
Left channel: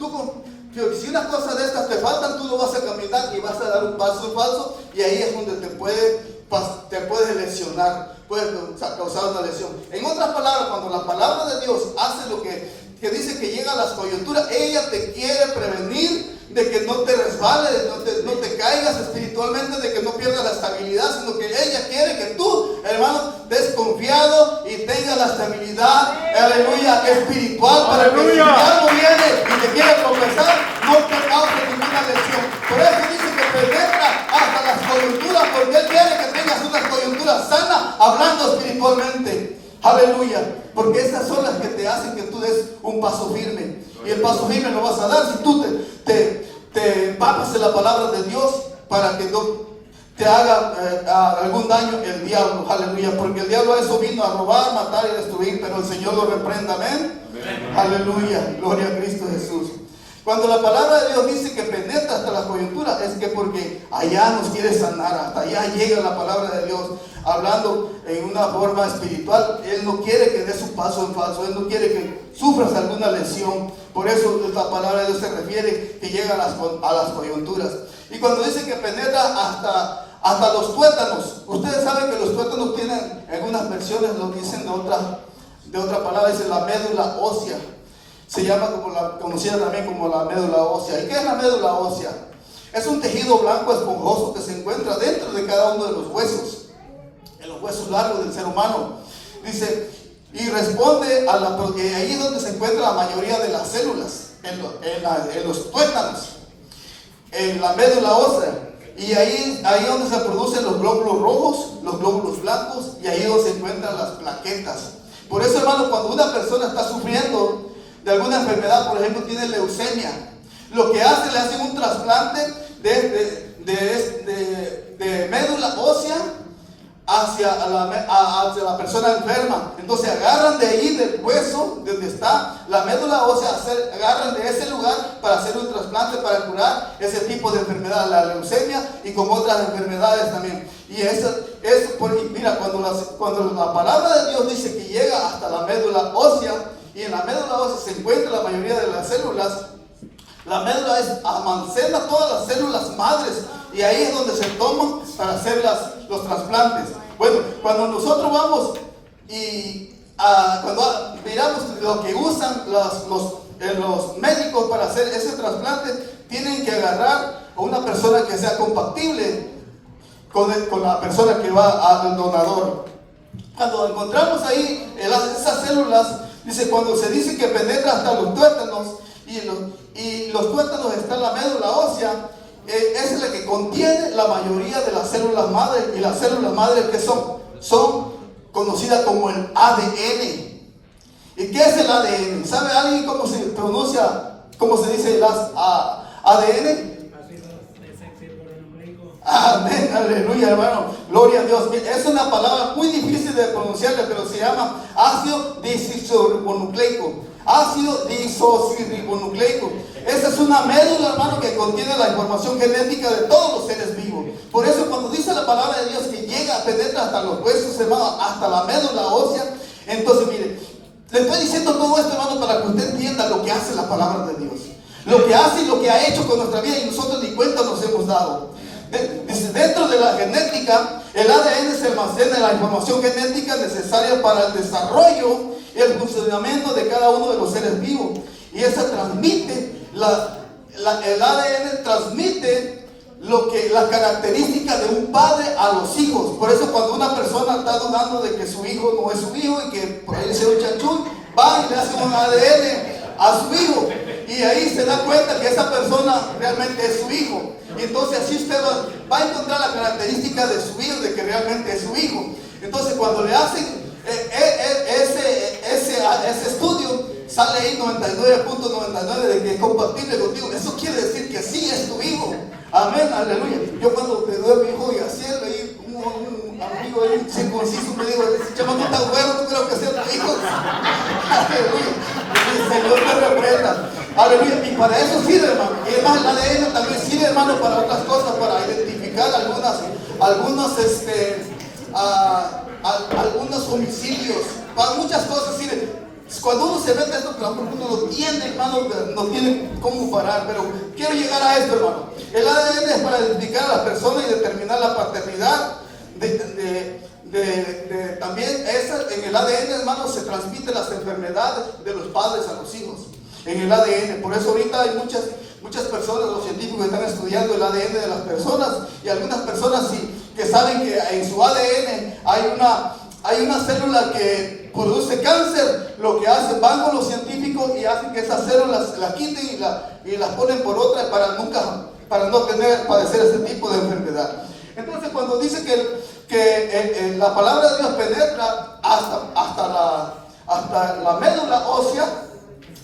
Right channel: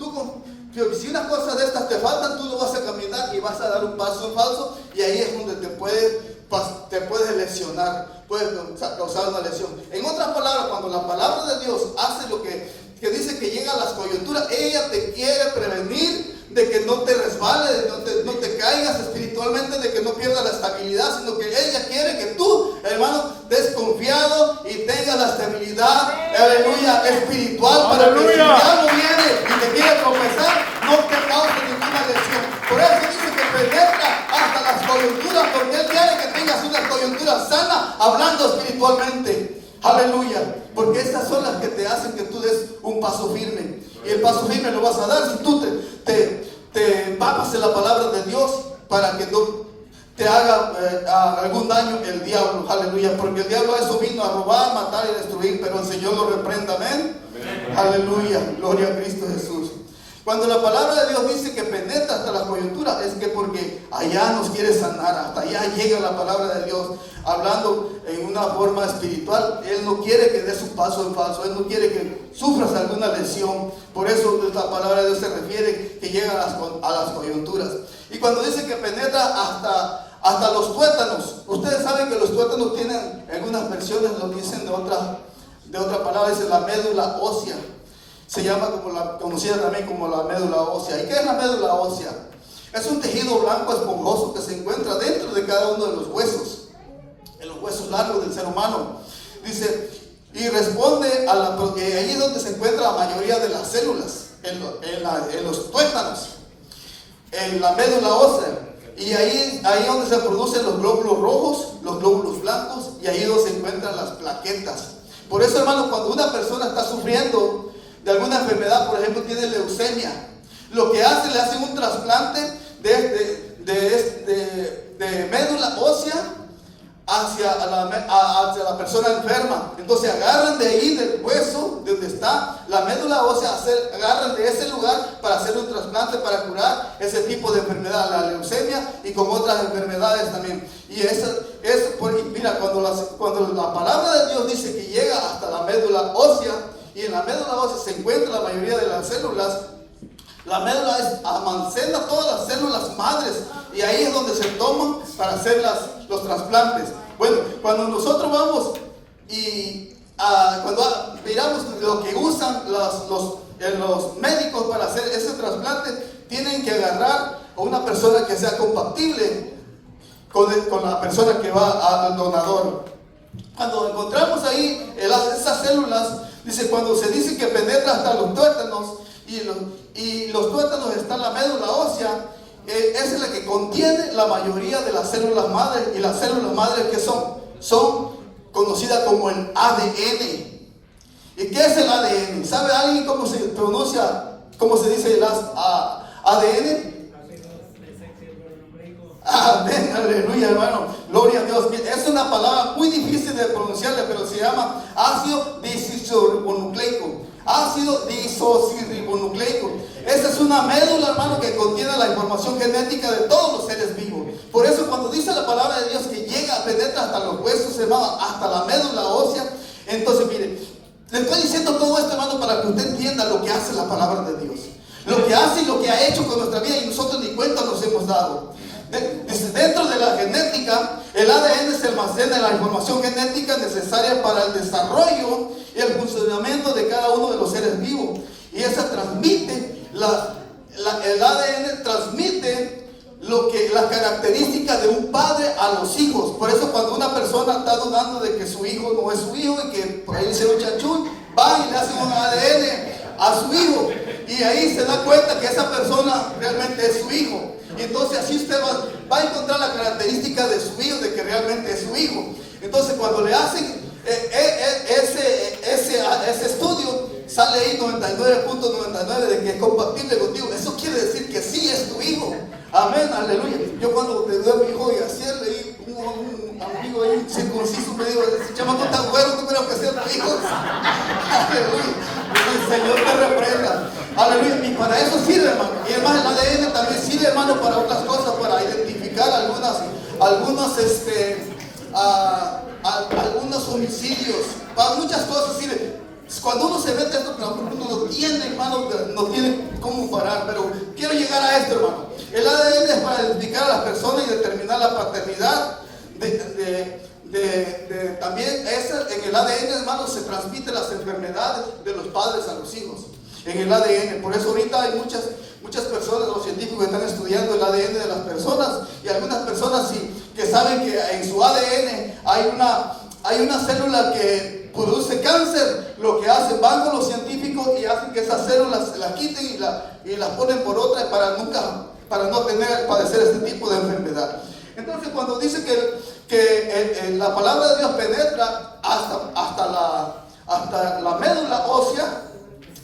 si unas cosas de estas te faltan, tú no vas a caminar y vas a dar un paso falso, y ahí es donde te puedes lesionar, puedes causar una lesión. En otras palabras, cuando la palabra de Dios hace lo que dice que llega a las coyunturas, ella te quiere prevenir de que no te resbales, de no te caigas espiritualmente, de que no pierdas la estabilidad, sino que ella quiere que tú, hermano, estés confiado y tengas la estabilidad, aleluya, espiritual, para que si el diablo viene y te quiere tropezar, no te cause ninguna lesión. Por eso dice que penetra hasta las coyunturas, porque Él quiere que tengas una coyuntura sana, hablando espiritualmente. Aleluya, porque estas son las que te hacen que tú des un paso firme. Y el paso firme lo vas a dar si tú te empapas de la palabra de Dios, para que no te haga algún daño el diablo. Aleluya, porque el diablo eso vino a robar, matar y destruir, pero el Señor lo reprenda. Amén. Aleluya, gloria a Cristo Jesús. Cuando la palabra de Dios dice que penetra hasta la coyuntura, es que porque allá nos quiere sanar, hasta allá llega la palabra de Dios, hablando en una forma espiritual. Él no quiere que des un paso en falso, Él no quiere que sufras alguna lesión. Por eso la palabra de Dios se refiere que llega a las coyunturas. Y cuando dice que penetra hasta los tuétanos, ustedes saben que los tuétanos tienen, algunas versiones lo dicen de otra palabra, dice la médula ósea. Se llama conocida también como la médula ósea. ¿Y qué es la médula ósea? Es un tejido blanco esponjoso que se encuentra dentro de cada uno de los huesos, en los huesos largos del ser humano. Dice, y responde porque ahí es donde se encuentra la mayoría de las células, en los tuétanos, en la médula ósea. Y ahí donde se producen los glóbulos rojos, los glóbulos blancos, y ahí donde se encuentran las plaquetas. Por eso, hermano, cuando una persona está sufriendo de alguna enfermedad, por ejemplo, tiene leucemia, lo que hace, le hacen un trasplante de médula ósea hacia la persona enferma. Entonces agarran de ahí, del hueso, de donde está la médula ósea, agarran de ese lugar para hacer un trasplante para curar ese tipo de enfermedad, la leucemia, y con otras enfermedades también. Y mira, cuando la palabra de Dios dice que llega hasta la médula ósea, y en la médula ósea se encuentra la mayoría de las células, la médula almacena todas las células madres, y ahí es donde se toman para hacer los trasplantes. Bueno, cuando nosotros vamos y cuando miramos lo que usan los médicos para hacer ese trasplante, tienen que agarrar a una persona que sea compatible con la persona que va al donador. Cuando encontramos ahí esas células, dice, cuando se dice que penetra hasta los tuétanos, y los tuétanos están en la médula ósea, es la que contiene la mayoría de las células madres. Y las células madres, ¿qué son conocidas como el ADN. ¿Y qué es el ADN? ¿Sabe alguien cómo se pronuncia, cómo se dice el ADN? Amén, aleluya, hermano, gloria a Dios. Es una palabra muy difícil de pronunciarla, pero se llama ácido disociribonucleico. Ácido disociribonucleico. Esa es una médula, hermano, que contiene la información genética de todos los seres vivos. Por eso cuando dice la palabra de Dios que llega, penetra hasta los huesos, hermano, hasta la médula ósea. Entonces, mire, le estoy diciendo todo esto, hermano, para que usted entienda lo que hace la palabra de Dios, lo que hace y lo que ha hecho con nuestra vida, y nosotros ni cuenta nos hemos dado. Dentro de la genética, el ADN se almacena la información genética necesaria para el desarrollo y el funcionamiento de cada uno de los seres vivos. Y esa transmite, el ADN transmite las características de un padre a los hijos. Por eso cuando una persona está dudando de que su hijo no es su hijo y que por ahí le hicieron chanchún, va y le hacen un ADN a su hijo. Y ahí se da cuenta que esa persona realmente es su hijo. Y entonces así usted va a encontrar la característica de su hijo, de que realmente es su hijo. Entonces cuando le hacen ese estudio, sale ahí 99.99 de que es compatible contigo. Eso quiere decir que sí es tu hijo. Amén, aleluya. Yo cuando te doy a mi hijo y así leí un amigo ahí circunciso me dijo, ese chamaco tan bueno, no creo que sea tu hijo. Aleluya. El Señor te reprenda. Aleluya. Y para eso sirve, hermano. Y además el ADN también sirve, hermano, para otras cosas, para identificar algunos homicidios, para muchas cosas sirve. Cuando uno se mete a esto, uno lo tiene, hermano, no tiene cómo parar. Pero quiero llegar a esto, hermano. El ADN es para identificar a las personas y determinar la paternidad. También en el ADN, hermano, se transmiten las enfermedades de los padres a los hijos. En el ADN, por eso ahorita hay muchas personas, los científicos están estudiando el ADN de las personas, y algunas personas sí, que saben que en su ADN hay una célula que produce cáncer. Lo que hacen, van con los científicos y hacen que esas células las quiten y las ponen por otras para no padecer este tipo de enfermedad. Entonces cuando dice que la palabra de Dios penetra hasta la médula ósea,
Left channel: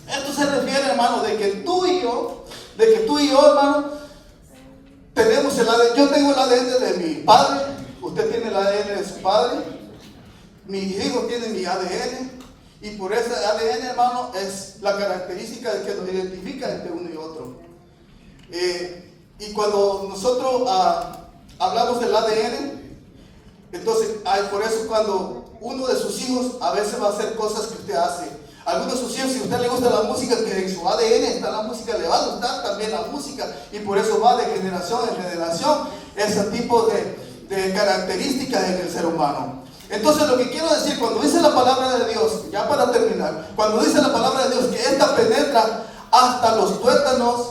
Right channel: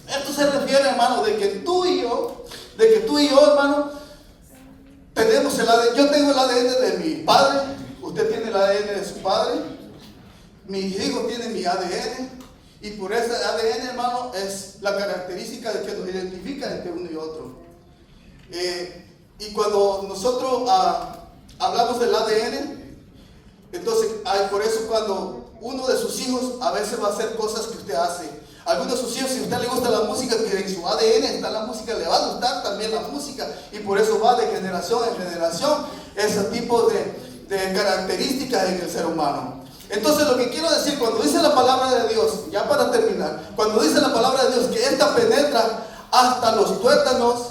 esto se refiere, hermano, de que tú y yo, hermano, tenemos el ADN. Yo tengo el ADN de mi padre, usted tiene el ADN de su padre, mis hijos tienen mi ADN, Y por ese ADN, hermano, es la característica de que nos identifica entre uno y otro. Y cuando nosotros hablamos del ADN, entonces por eso cuando uno de sus hijos a veces va a hacer cosas que usted hace. Algunos de sus hijos, si a usted le gusta la música, que en su ADN está la música, le va a gustar también la música. Y por eso va de generación en generación ese tipo de características en el ser humano. Entonces lo que quiero decir, cuando dice la palabra de Dios, ya para terminar, cuando dice la palabra de Dios que esta penetra hasta los tuétanos,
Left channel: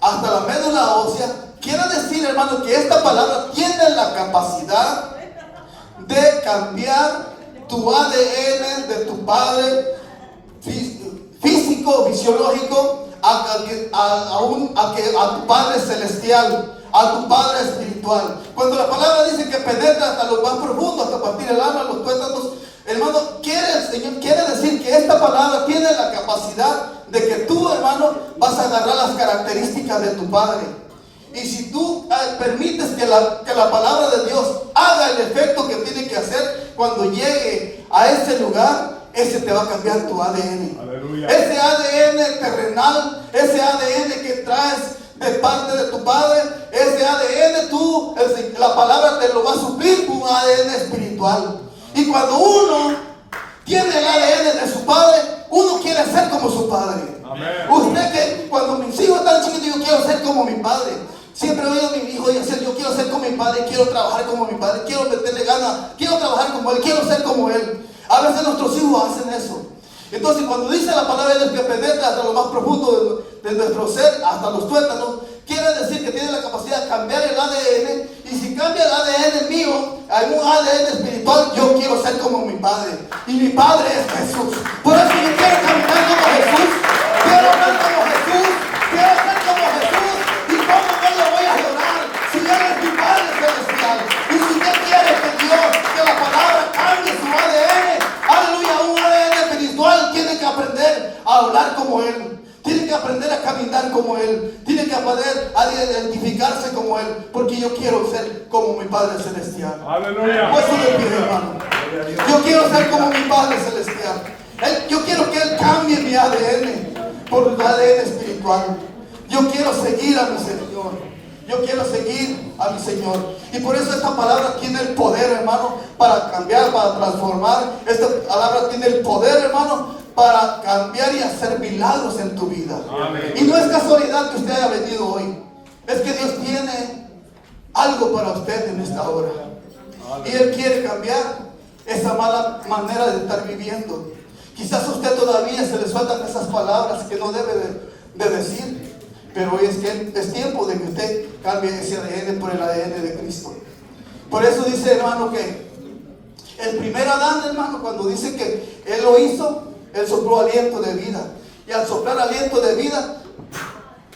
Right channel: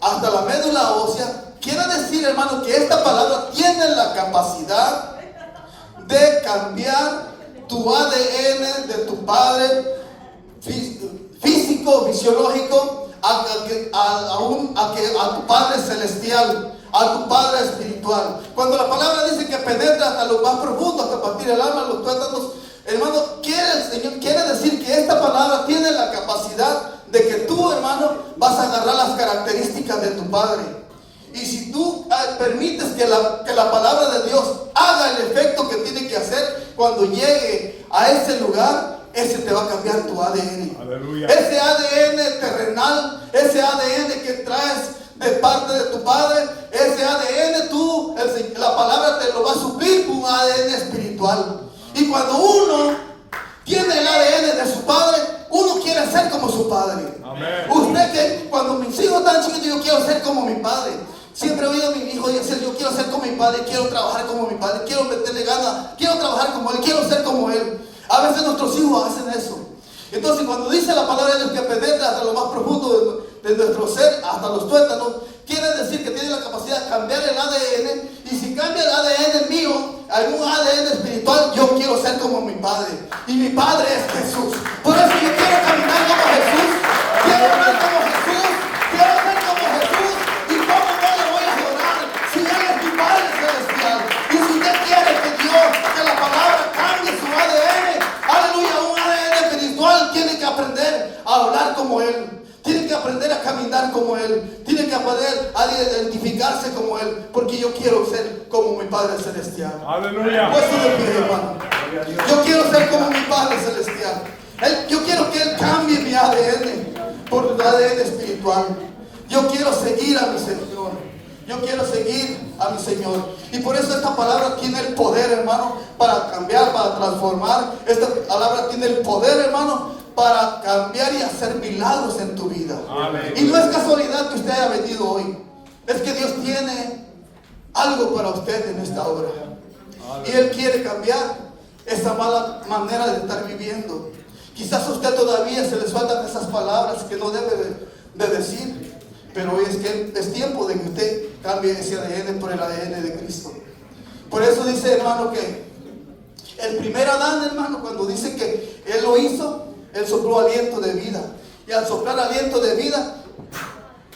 hasta la médula ósea, quiere decir, hermano, que esta palabra tiene la capacidad de cambiar tu ADN de tu padre físico, fisiológico, a tu padre celestial, a tu padre espiritual. Cuando la palabra dice que penetra hasta lo más profundo, hasta partir el alma, los tuétanos, hermano, el Señor quiere decir que esta palabra tiene la capacidad de que tú, hermano, vas a agarrar las características de tu padre. Y si tú permites que la palabra de Dios haga el efecto que tiene que hacer, cuando llegue a ese lugar, ese te va a cambiar tu ADN. Aleluya. Ese ADN terrenal, ese ADN que traes de parte de tu padre, ese ADN la palabra te lo va a suplir con un ADN espiritual. Y cuando uno tiene el ADN de su padre, uno quiere ser como su padre. Amén. Usted que cuando mis hijos están chiquitos, digo, quiero ser como mi padre. Siempre he oído a mi hijo decir, yo quiero ser como mi padre, quiero trabajar como mi padre, quiero meterle ganas, quiero trabajar como él, quiero ser como él. A veces nuestros hijos hacen eso. Entonces cuando dice la palabra de Dios que penetra hasta lo más profundo de nuestro ser, hasta los tuétanos, quiere decir que tiene la capacidad de cambiar el ADN. Y si cambia el ADN mío, hay un ADN espiritual, yo quiero ser como mi padre. Y mi padre es Jesús. Por eso yo quiero caminar como Jesús, quiero ser como Jesús, quiero ser como Jesús. ¿Y cómo no le voy a adorar si Él es mi Padre celestial? Y si usted quiere que Dios, que la palabra cambie su ADN, aleluya, un ADN espiritual, tiene que aprender a hablar como Él. Tiene que aprender a caminar como Él. Tiene que aprender a identificarse como Él. Porque yo quiero ser como mi Padre Celestial. Aleluya. Pues de pie, hermano. Yo quiero ser como mi Padre Celestial. Yo quiero que Él cambie mi ADN por el ADN espiritual. Yo quiero seguir a mi Señor. Yo quiero seguir a mi Señor. Y por eso esta palabra tiene el poder, hermano, para cambiar, para transformar. Esta palabra tiene el poder, hermano, para cambiar y hacer milagros en tu vida. Amén. Y no es casualidad que usted haya venido hoy. Es que Dios tiene algo para usted en esta hora. Amén. Y Él quiere cambiar esa mala manera de estar viviendo. Quizás a usted todavía se le sueltan esas palabras que no debe de decir. Pero es tiempo de que usted cambie ese ADN por el ADN de Cristo. Por eso dice, hermano, que el primer Adán, hermano, cuando dice que Él lo hizo, Él sopló aliento de vida. Y al soplar aliento de vida,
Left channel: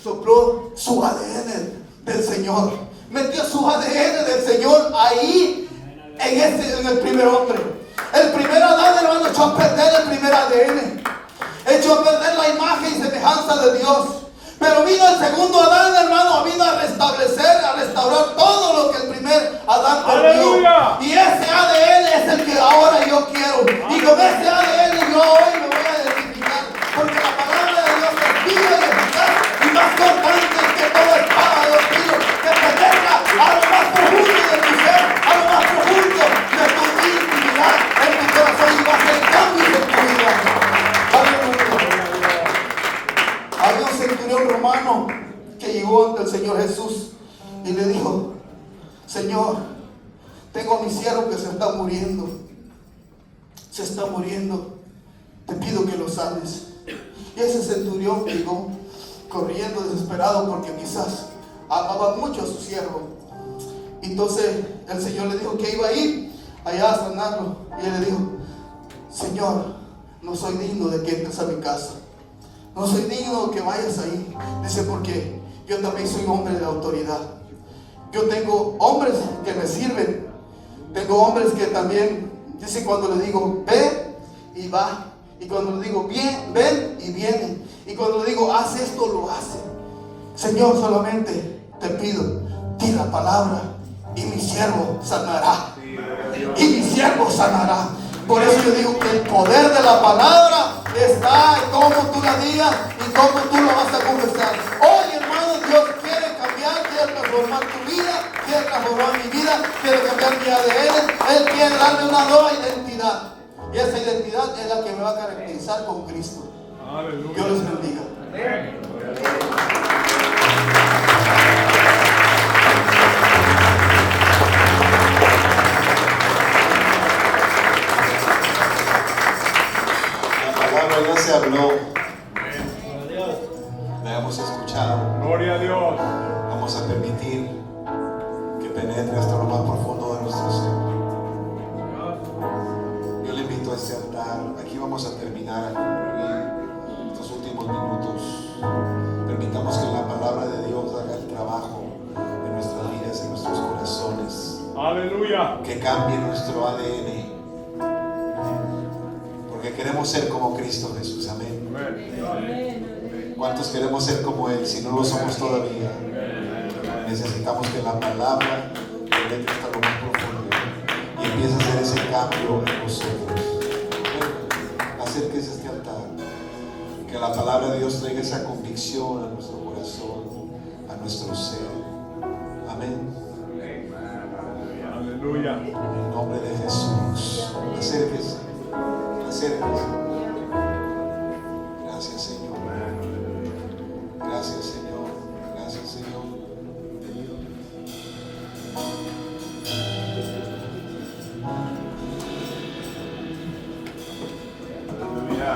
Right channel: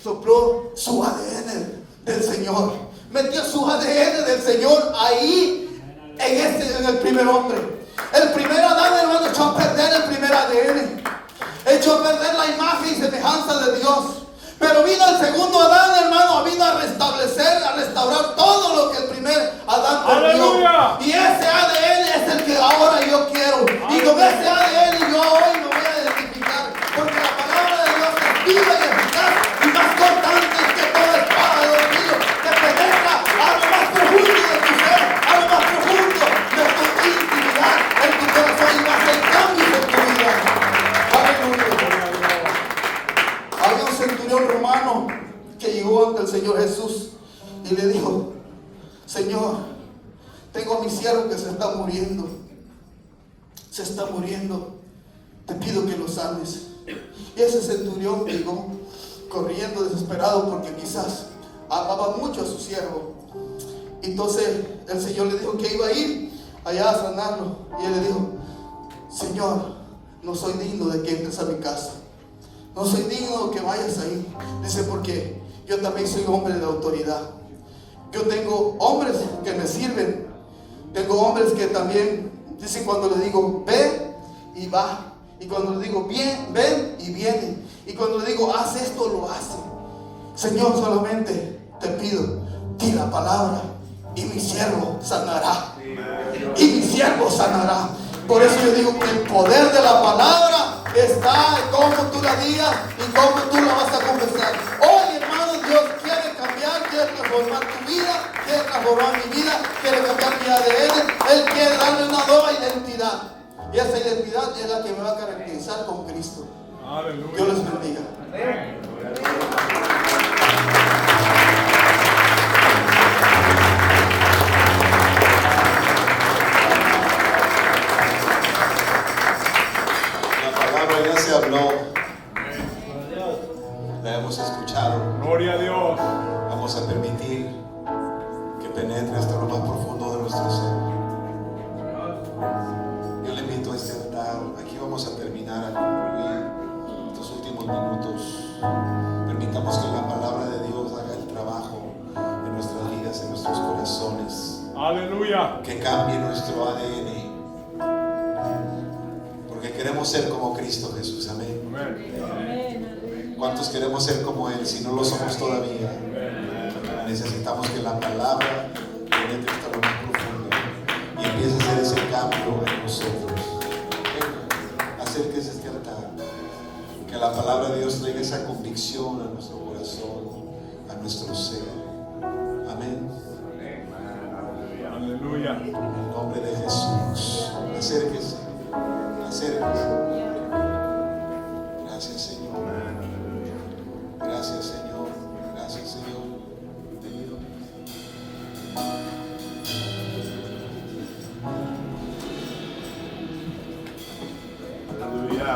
sopló su ADN del Señor. Metió su ADN del Señor ahí, en el primer hombre. El primer Adán, hermano, echó a perder el primer ADN. Echó a perder la imagen y semejanza de Dios. Pero vino el segundo Adán, hermano, vino a restablecer, a restaurar todo lo que el primer Adán perdió. Y ese ADN es el que ahora yo quiero. Y con ese ADN yo hoy me voy a identificar. Porque la palabra de Dios es viva y eficaz y más cortante que toda espada de dos filos, que penetra a lo más profundo de tu ser, a lo más profundo de tu intimidad, en tu corazón, y va a hacer cambios en tu vida. Aleluya. Había un centurión romano que llegó ante el Señor Jesús y le dijo: Señor, tengo a mi siervo que se está muriendo. Se está muriendo. Te pido que lo sanes. Y ese centurión llegó corriendo desesperado porque quizás amaba mucho a su siervo. Entonces el Señor le dijo que iba a ir allá a sanarlo. Y él le dijo: Señor, no soy digno de que entres a mi casa. No soy digno que vayas ahí. Dice, porque yo también soy hombre de autoridad. Yo tengo hombres que me sirven. Tengo hombres que también dicen, cuando le digo ve, y va. Y cuando le digo bien, ven, y viene. Y cuando le digo haz esto, lo hace. Señor, solamente te pido, di la palabra y mi siervo sanará. Y mi siervo sanará. Por eso yo digo que el poder de la palabra está en cómo tú la digas y cómo tú la vas a confesar. Hoy, hermano, Dios quiere cambiar, quiere transformar tu vida, quiere transformar mi vida, quiere cambiar mi ADN. Él quiere darme una nueva identidad. Y esa identidad es la que me va a caracterizar con Cristo. Dios les bendiga. Ya se habló, la hemos escuchado. Gloria a Dios. Vamos a permitir que penetre hasta lo más profundo de nuestro ser. Yo le invito a este altar. Aquí vamos a terminar, a concluir estos últimos minutos. Permitamos que la palabra de Dios haga el trabajo en nuestras vidas, en nuestros corazones. Aleluya. Que cambie nuestro ADN. Queremos ser como Cristo Jesús, amén. ¿Cuántos queremos ser como Él si no lo somos todavía? Necesitamos que la palabra penetre hasta lo más profundo y empiece a hacer ese cambio en nosotros. Acérquese a este altar, que la palabra de Dios traiga esa convicción a nuestro corazón, a nuestro ser. Amén. Aleluya. En el nombre de Jesús, acérquese. Gracias, Señor. Gracias, Señor. Gracias, Señor. Aleluya.